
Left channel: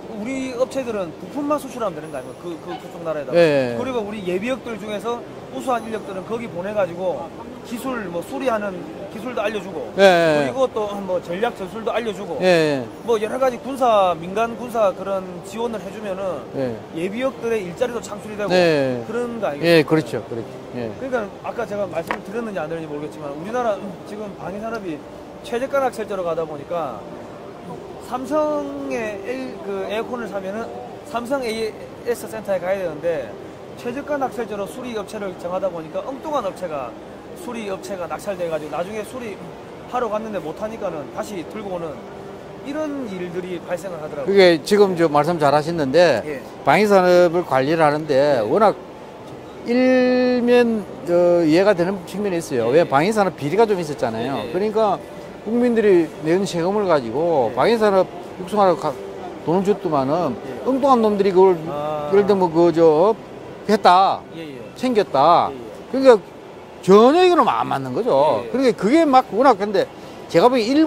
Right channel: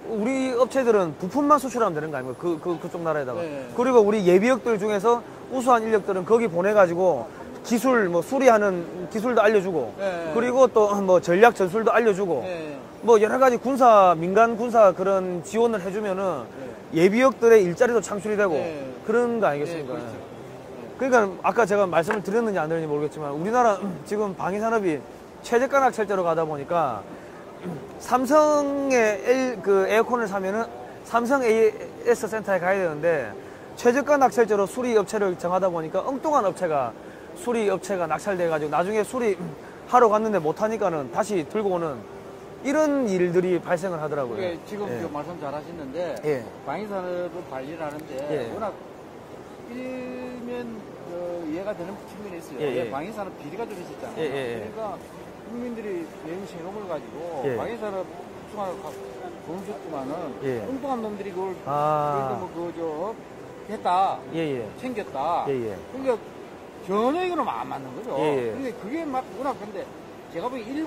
우리 업체들은 부품만 수출하면 되는 거 아니에요? 그쪽 나라에다가. 예. 그리고 우리 예비역들 중에서 우수한 인력들은 거기 보내가지고 기술, 뭐 수리하는 기술도 알려주고, 예. 그리고 또 뭐 전략 전술도 알려주고, 예. 뭐 여러 가지 민간 군사 그런 지원을 해주면은 예비역들의 일자리도 창출이 되고 그런 거 아니겠어요? 예, 그렇죠. 예. 그러니까 아까 제가 말씀을 드렸는지 안 드렸는지 모르겠지만 우리나라 지금 방위산업이 최저가 낙찰제로 가다 보니까 삼성의 그 에어컨을 사면은 삼성 AS 센터에 가야 되는데 최저가 낙찰제로 수리 업체를 정하다 보니까 엉뚱한 수리 업체가 낙찰돼가지고 나중에 수리하러 갔는데 못하니까는 다시 들고 오는 이런 일들이 발생을 하더라고요. 그게 지금 저 말씀 잘 하셨는데 방위산업을 관리를 하는데 워낙 일면 이해가 되는 측면이 있어요. 왜 방위산업 비리가 좀 있었잖아요. 그러니까 국민들이 내는 세금을 가지고 방위산업 육성하라고 돈을 줬더만은 엉뚱한 놈들이 그걸 예를 들면 했다, 챙겼다. 그러니까 전혀 이거는 안 맞는 거죠. 그러니까 그게 막 워낙 근데 제가 보기엔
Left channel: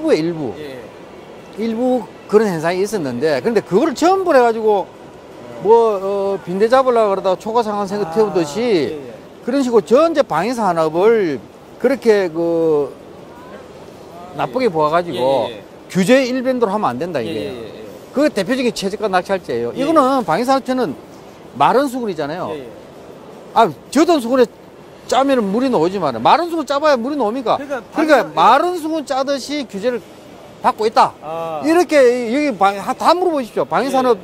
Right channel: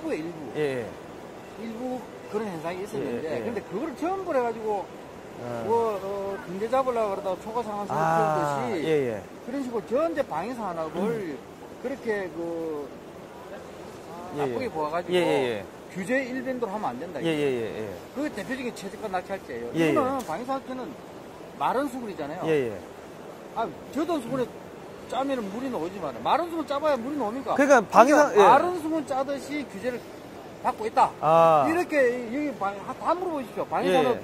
일부 그런 현상이 있었는데 근데 그거를 전부 해가지고 빈대 잡으려고 그러다가 초과상한생을 태우듯이 그런 식으로 전체 방위산업을 그렇게 나쁘게 보아가지고 규제 일변도로 하면 안 된다 이게. 그 대표적인 최저가 낙찰제예요. 이거는 방위산업체는 마른 수건이잖아요. 저던 수건에 짜면 물이 나오지만 마른 수건 짜봐야 물이 나옵니까? 그러니까 마른 수건 짜듯이 규제를 받고 있다. 이렇게 여기 다 물어보십시오. 방위산업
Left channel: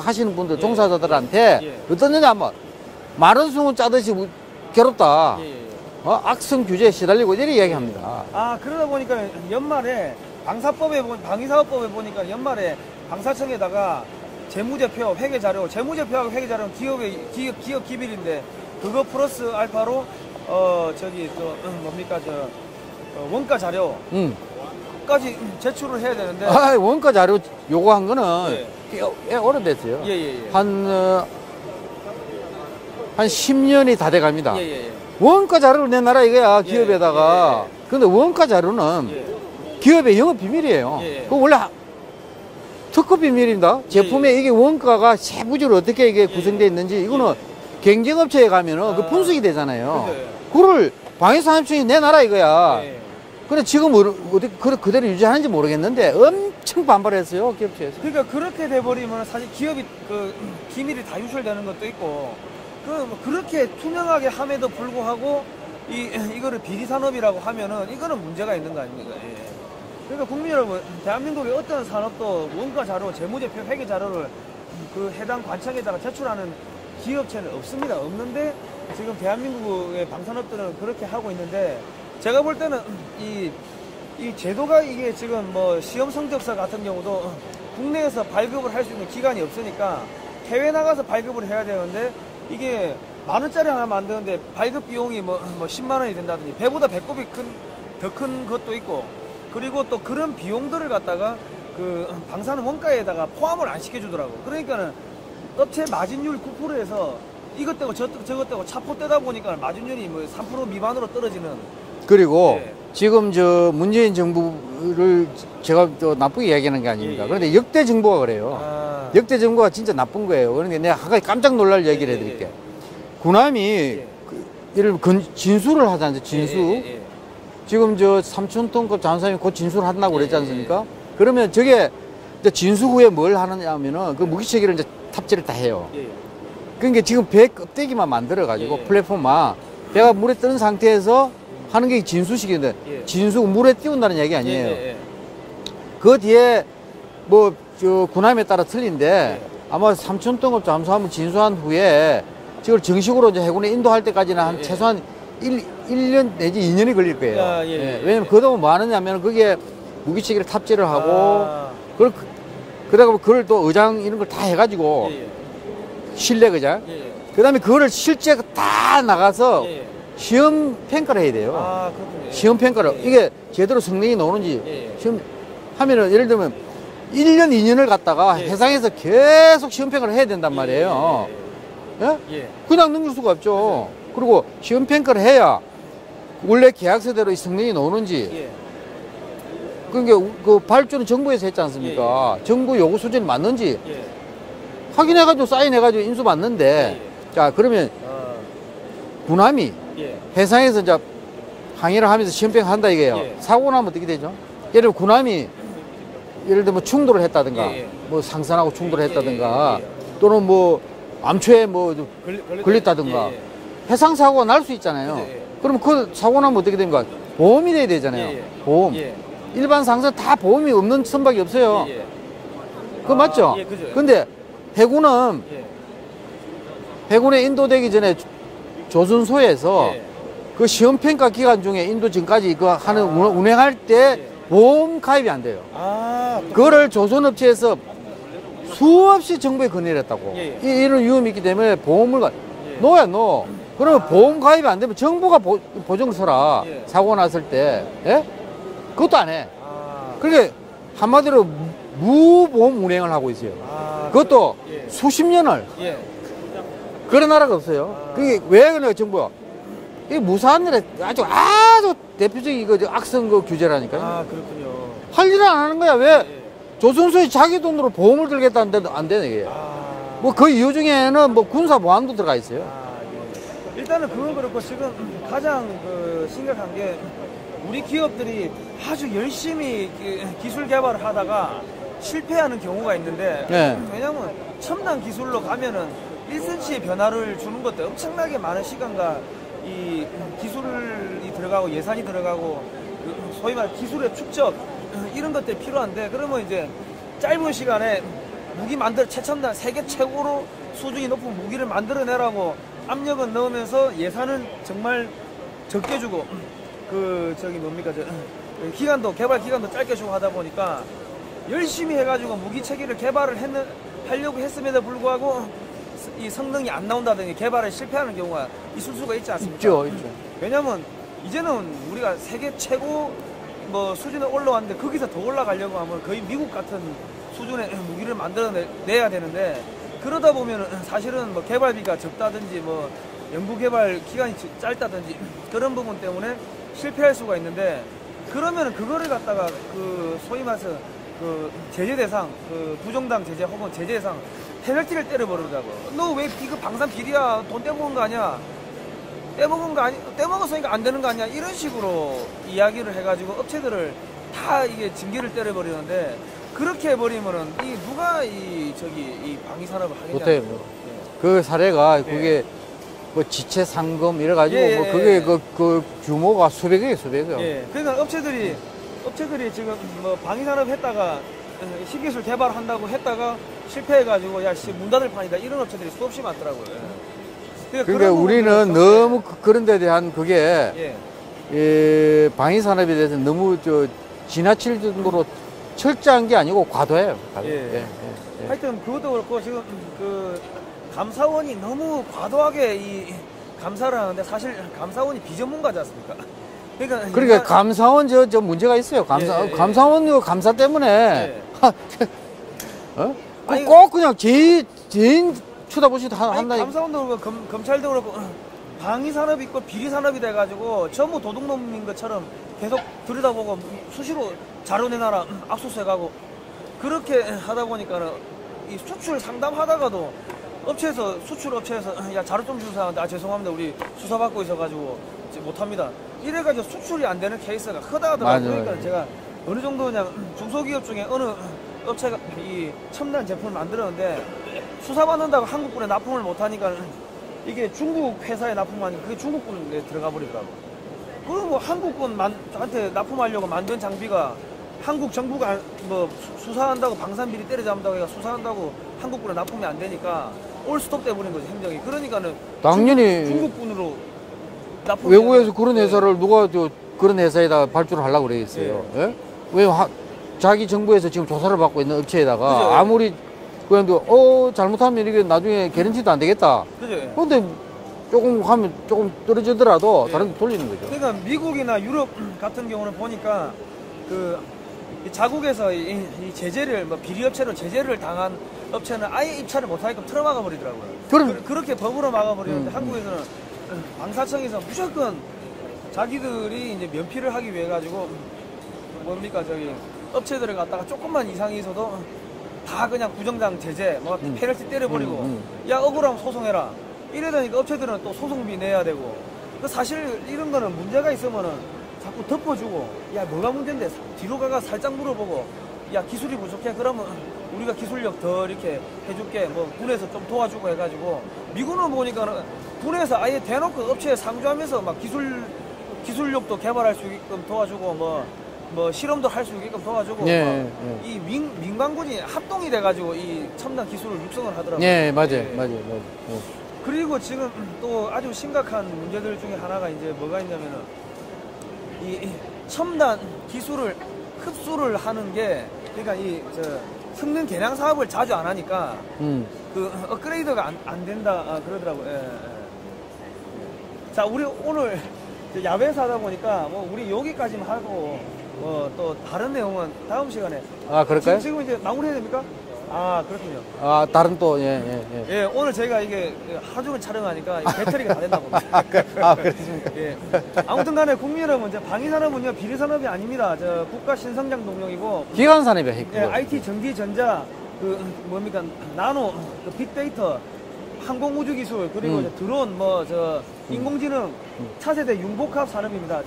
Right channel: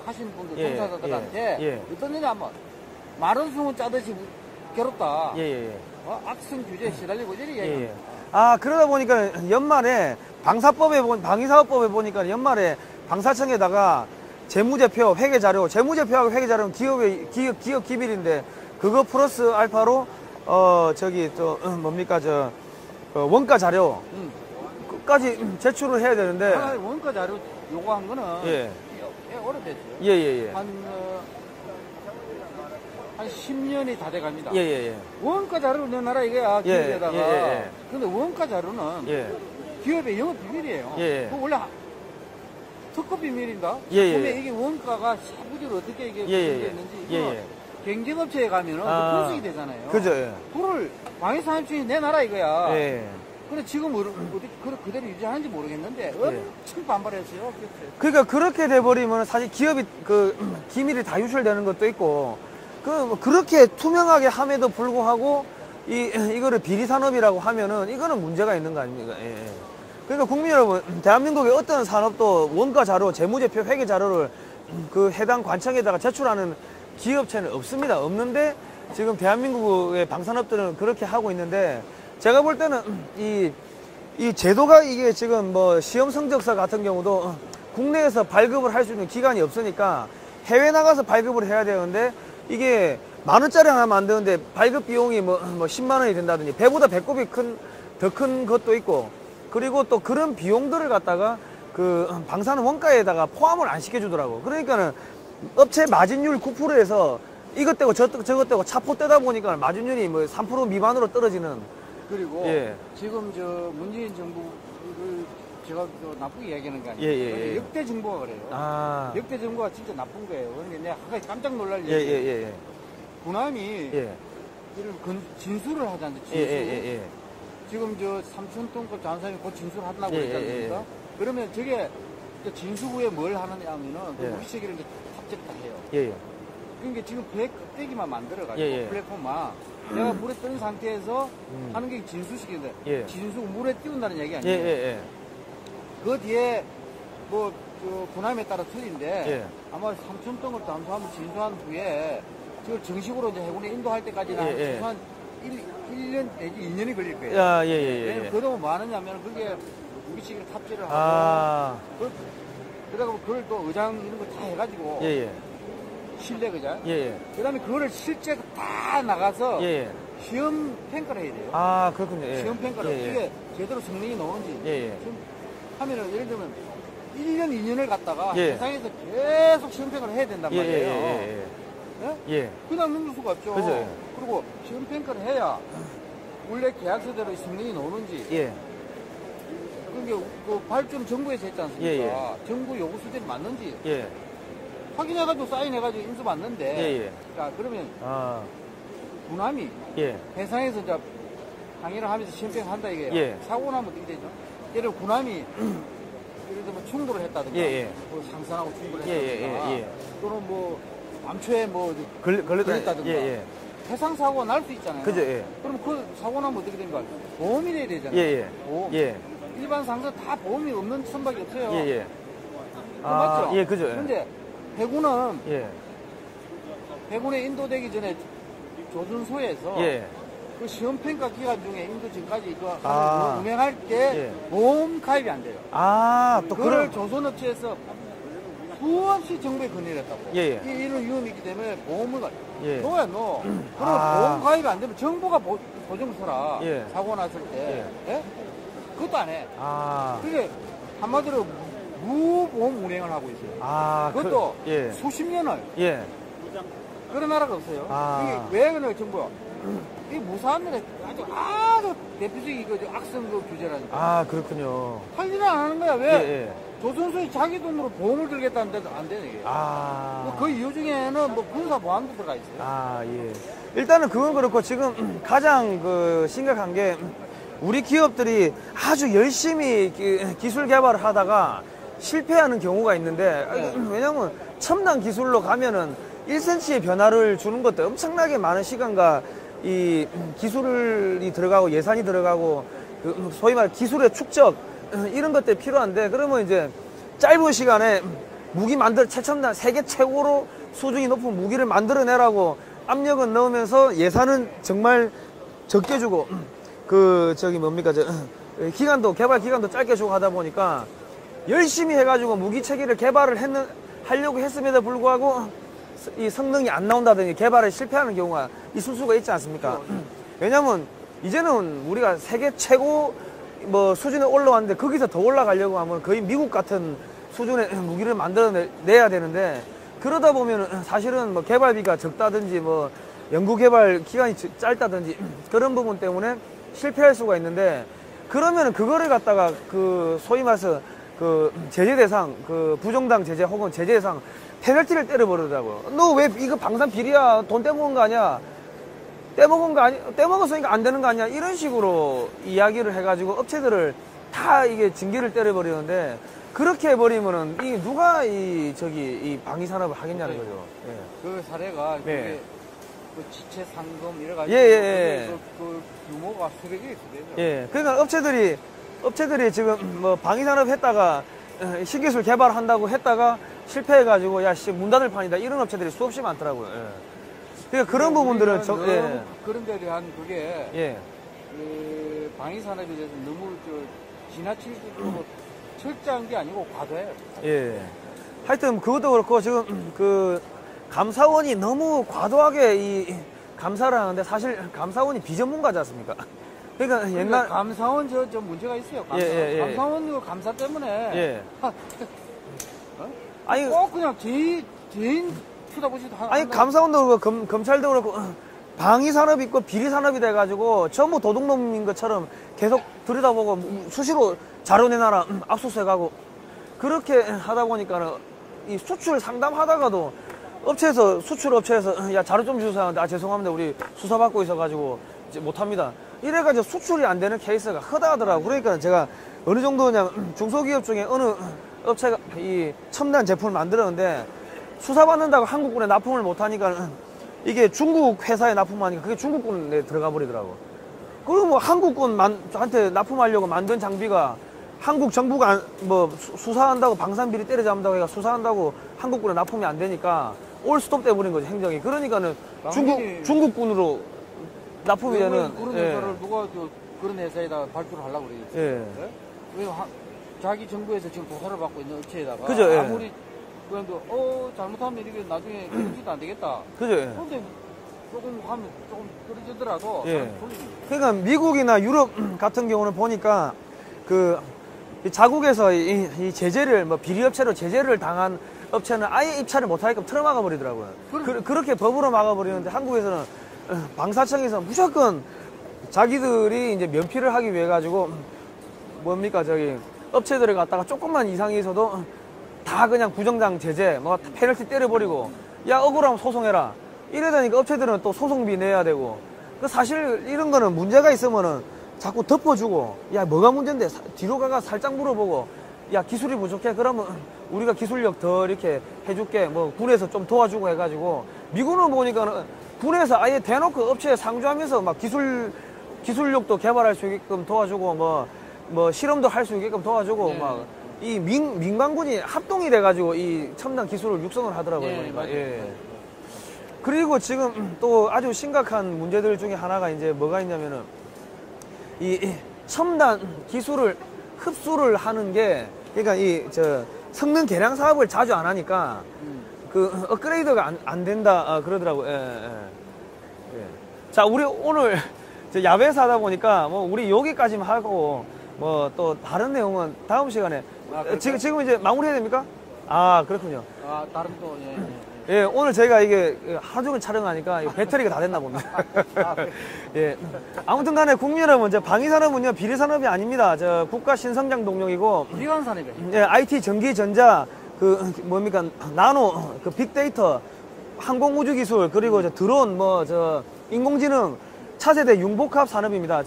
하시는 분들 종사자들한테 어떠느냐 하면 마른 수건 짜듯이 괴롭다. 악성 규제에 시달리고 이렇게 이야기합니다. 그러다 보니까 연말에 방위사업법에 보니까 연말에 방사청에다가 재무제표, 회계자료, 재무제표하고 회계자료는 기업 기밀인데 그거 플러스 알파로 원가 자료 까지 제출을 해야 되는데 원가 자료 요구한 거는 꽤 오래됐어요. 한 10년이 다 돼갑니다. 원가 자료를 내놔라 이거야 기업에다가. 근데 원가 자료는 기업의 영업 비밀이에요. 그거 원래 특허 비밀입니다. 제품에 이게 원가가 세부적으로 어떻게 이게 구성되어 있는지 이거는 경쟁업체에 가면은 그 분석이 되잖아요. 그걸 방위산업청이 내놔라 이거야. 근데 지금 그대로 유지하는지 모르겠는데 엄청 반발했어요, 기업체에서. 그러니까 그렇게 돼버리면 사실 기업이 기밀이 다 유출되는 것도 있고 그렇게 투명하게 함에도 불구하고 이거를 비리산업이라고 하면은 이거는 문제가 있는 거 아닙니까? 그러니까 국민 여러분, 대한민국의 어떤 산업도 원가 자료, 재무제표, 회계 자료를 그 해당 관청에다가 제출하는 기업체는 없습니다. 없는데 지금 대한민국의 방산업들은 그렇게 하고 있는데 제가 볼 때는 이 제도가 이게 지금 뭐 시험 성적서 같은 경우도 국내에서 발급을 할 수 있는 기간이 없으니까 해외 나가서 발급을 해야 되는데 이게 10,000원짜리 하나 만드는데 발급 비용이 뭐 10만 원이 된다든지 배보다 배꼽이 더 큰 것도 있고 그리고 또 그런 비용들을 갖다가 그 방사능 원가에다가 포함을 안 시켜주더라고. 그러니까는 업체 마진율 9%에서 이것 떼고 저것 떼고 차포 떼다 보니까 마진율이 뭐 3% 미만으로 떨어지는. 그리고 지금 저 문재인 정부를 제가 또 나쁘게 이야기하는 게 아닙니다. 그런데 역대 정부가 그래요. 역대 정부가 진짜 나쁜 거예요. 그러니까 내가 한 가지 깜짝 놀랄 얘기를 해드릴게요. 구남이 예를 들면 진수를 하지 않습니까? 진수. 지금 저 3,000톤급 잠수함이 곧 진수를 한다고 그랬지 않습니까? 그러면 저게 이제 진수 후에 뭘 하느냐 하면은 그 무기체계를 이제 탑재를 다 해요. 그러니까 지금 배 껍데기만 만들어가지고 플랫폼만 배가 물에 뜨는 상태에서 하는 게 진수식인데 진수 물에 띄운다는 얘기 아니에요. 그 뒤에 뭐 저 군함에 따라 틀린데 아마 3,000톤급 잠수함을 진수한 후에 지금 정식으로 이제 해군에 인도할 때까지는 한 최소한 1년 내지 2년이 걸릴 거예요. 왜냐면 그동안 뭐 하느냐면 그게 무기체계를 탑재를 하고 그러다가 그걸 또 의장 이런 걸 다 해가지고 실내 의장 그 다음에 그거를 실제 다 나가서 시험 평가를 해야 돼요. 그렇군요. 시험 평가를 이게 제대로 성능이 나오는지 시험 하면은 예를 들면 1년 2년을 갖다가 해상에서 계속 시험 평가를 해야 된단 말이에요. 그냥 넘길 수가 없죠. 그리고 시험 평가를 해야 원래 계약서대로 이 성능이 나오는지 그러니까 그 발주는 정부에서 했지 않습니까? 정부 요구 수준이 맞는지 확인해가지고 사인해가지고 인수 받는데 자 그러면 군함이 해상에서 이제 항해를 하면서 시험평 한다 이게요. 사고 나면 어떻게 되죠? 예를 들면 군함이 예를 들면 충돌을 했다든가 뭐 상선하고 충돌을 했다든가 또는 뭐 암초에 뭐 걸렸다든가 해상 사고가 날 수 있잖아요. 그러면 그 사고 나면 어떻게 됩니까? 보험이 돼야 되잖아요. 보험. 일반 상선 다 보험이 없는 선박이 없어요. 그거 맞죠? 근데 해군은 해군에 인도되기 전에 조선소에서 그 시험평가 기간 중에 인도 지금까지 그 하는 운행할 때 보험 가입이 안 돼요. 그거를 조선업체에서 수없이 정부에 건의를 했다고. 이런 위험이 있기 때문에 보험을 넣어야 넣어. 그러면 보험 가입이 안 되면 정부가 보증 서라. 사고 났을 때. 그것도 안 해. 그러니까 한마디로 무보험 운행을 하고 있어요. 그것도 수십 년을. 그런 나라가 없어요. 그게 왜 그러냐, 정부가. 이게 무사한 일에 아주 대표적인 이거 악성 그 규제라니까요. 그렇군요. 할 일은 안 하는 거야. 왜? 조선소에 자기 돈으로 보험을 들겠다는데도 안 되네, 이게. 뭐 그 이유 중에는 뭐 군사 보안도 들어가 있어요. 일단은 그건 그렇고 지금 가장 그 심각한 게 우리 기업들이 아주 열심히 기술 개발을 하다가 실패하는 경우가 있는데 왜냐면 첨단 기술로 가면은 1cm의 변화를 주는 것도 엄청나게 많은 시간과 이 기술이 들어가고 예산이 들어가고 소위 말 기술의 축적 이런 것들이 필요한데 그러면 이제 짧은 시간에 무기 최첨단 세계 최고로 수준이 높은 무기를 만들어내라고 압력은 넣으면서 예산은 정말 적게 주고 기간도 개발 기간도 짧게 주고 하다 보니까 열심히 해가지고 무기 체계를 개발을 하려고 했음에도 불구하고 이 성능이 안 나온다든지 개발에 실패하는 경우가 있을 수가 있지 않습니까? 있죠. 왜냐면 이제는 우리가 세계 최고 뭐 수준에 올라왔는데 거기서 더 올라가려고 하면 거의 미국 같은 수준의 무기를 만들어내야 되는데 그러다 보면 사실은 뭐 개발비가 적다든지 뭐 연구 개발 기간이 짧다든지 그런 부분 때문에 실패할 수가 있는데 그러면 그거를 갖다가 그 소위 말해서 그 제재 대상, 그 부정당 제재 혹은 제재 대상 페널티를 때려버리더라고요. 너 왜 이거 방산 비리야? 돈 떼먹은 거 아니야? 떼먹었으니까 안 되는 거 아니야? 이런 식으로 이야기를 해가지고 업체들을 다 이게 징계를 때려버리는데 그렇게 해버리면은 누가 이 방위산업을 하느냐? 그 사례가 그게 뭐 지체 상금 이래가지고 뭐 그게 그 규모가 수백이에요. 그러니까 업체들이 지금 뭐 방위산업 했다가 신기술 개발한다고 했다가 실패해가지고 문 닫을 판이다 이런 업체들이 수없이 많더라고요. 그러니까 우리는 너무 그런 데 대한 그게 방위산업에 대해서 너무 지나칠 정도로 철저한 게 아니고 과도해요. 하여튼 그것도 그렇고 지금 그 감사원이 너무 과도하게 이 감사를 하는데 사실 감사원이 비전문가지 않습니까? 그러니까 감사원 저 문제가 있어요. 감사원 감사 때문에 어? 꼭 그냥 개인 쳐다보시도 아니 감사원도 그렇고 검찰도 그렇고 방위 산업이 있고 비리 산업이 돼가지고 전부 도둑놈인 것처럼 계속 들여다보고 수시로 자료 내놔라 압수수색하고 그렇게 하다 보니까는 이 수출 상담하다가도 업체에서 수출 업체에서 야 자료 좀 주세요 하는데 아 죄송합니다 우리 수사받고 있어가지고 못합니다. 이래가지고 수출이 안 되는 케이스가 허다하더라고요. 그러니까 제가 어느 정도 그냥 중소기업 중에 어느 업체가 이 첨단 제품을 만들었는데 수사받는다고 한국군에 납품을 못하니까 이게 중국 회사에 납품하니까 그게 중국군에 들어가 버리더라고. 그리고 뭐 한국군한테 납품하려고 만든 장비가 한국 정부가 뭐 수사한다고 방산비리 때려잡는다고 해가 수사한다고 한국군에 납품이 안 되니까 올스톱 돼버린 거지 행정이. 그러니까는 당연히 중국군으로 납품이 외국에서 그런 회사를 누가 그런 회사에다 발주를 하려고 그러겠어요. 예? 왜 자기 정부에서 지금 조사를 받고 있는 업체에다가 그죠, 아무리 그래도 잘못하면 이게 나중에 개런티도 안 되겠다. 그런데 조금 하면 조금 떨어지더라도 다른 데 돌리는 거죠. 그러니까 미국이나 유럽 같은 경우는 보니까 그 자국에서 이 제재를 뭐 비리 업체로 제재를 당한 업체는 아예 입찰을 못하게끔 틀어막아 버리더라고요. 그렇게 법으로 막아버리는데 한국에서는 방사청에서 무조건 자기들이 이제 면피를 하기 위해 가지고 뭡니까 저기 업체들을 갖다가 조금만 이상이 있어도 다 그냥 부정당 제재 막 페널티 때려버리고 야 억울하면 소송해라 이래다니까 업체들은 또 소송비 내야 되고 사실 이런 거는 문제가 있으면은 자꾸 덮어주고 야 뭐가 문제인데 뒤로 가가 살짝 물어보고 야 기술이 부족해 그러면 우리가 기술력 더 이렇게 해줄게 뭐 군에서 좀 도와주고 해가지고 미국은 보니까는 군에서 아예 대놓고 업체에 상주하면서 막 기술력도 개발할 수 있게끔 도와주고 뭐 실험도 할 수 있게끔 도와주고 이 민간군이 합동이 돼가지고 이 첨단 기술을 육성을 하더라고요. 예, 맞아요. 그리고 지금 또 아주 심각한 문제들 중에 하나가 이제 뭐가 있냐면은 이 첨단 기술을 흡수를 하는 게 그러니까 성능 개량 사업을 자주 안 하니까 그 업그레이드가 안 된다 그러더라고요. 자, 우리 오늘 야외에서 하다 보니까 뭐 우리 여기까지만 하고 뭐 또 다른 내용은 다음 시간에. 그럴까요? 지금 이제 마무리해야 됩니까? 그렇군요. 다른 또, 예, 오늘 저희가 이게 하루 종일 촬영하니까 배터리가 다 됐나 봅니다. 그렇습니까? 예. 아무튼 간에 국민 여러분, 비리산업은요, 비리산업이 아닙니다. 국가 신성장 동력이고. 기관산업이야, 핵. 예, IT, 전기, 전자, 나노, 빅데이터, 항공우주기술, 그리고 드론, 인공지능, 차세대 융복합 산업입니다.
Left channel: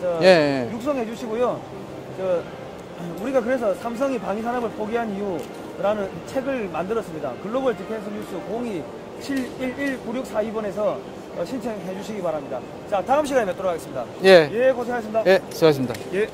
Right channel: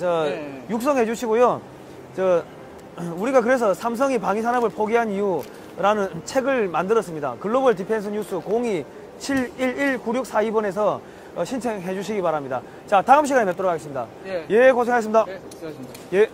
육성해 주시고요. 우리가 그래서 삼성이 방위산업을 포기한 이유라는 책을 만들었습니다. 글로벌 디펜스 뉴스 02-711-9642번에서 신청해 주시기 바랍니다. 자, 다음 시간에 뵙도록 하겠습니다. 예, 고생하셨습니다. 예, 수고하셨습니다. 예.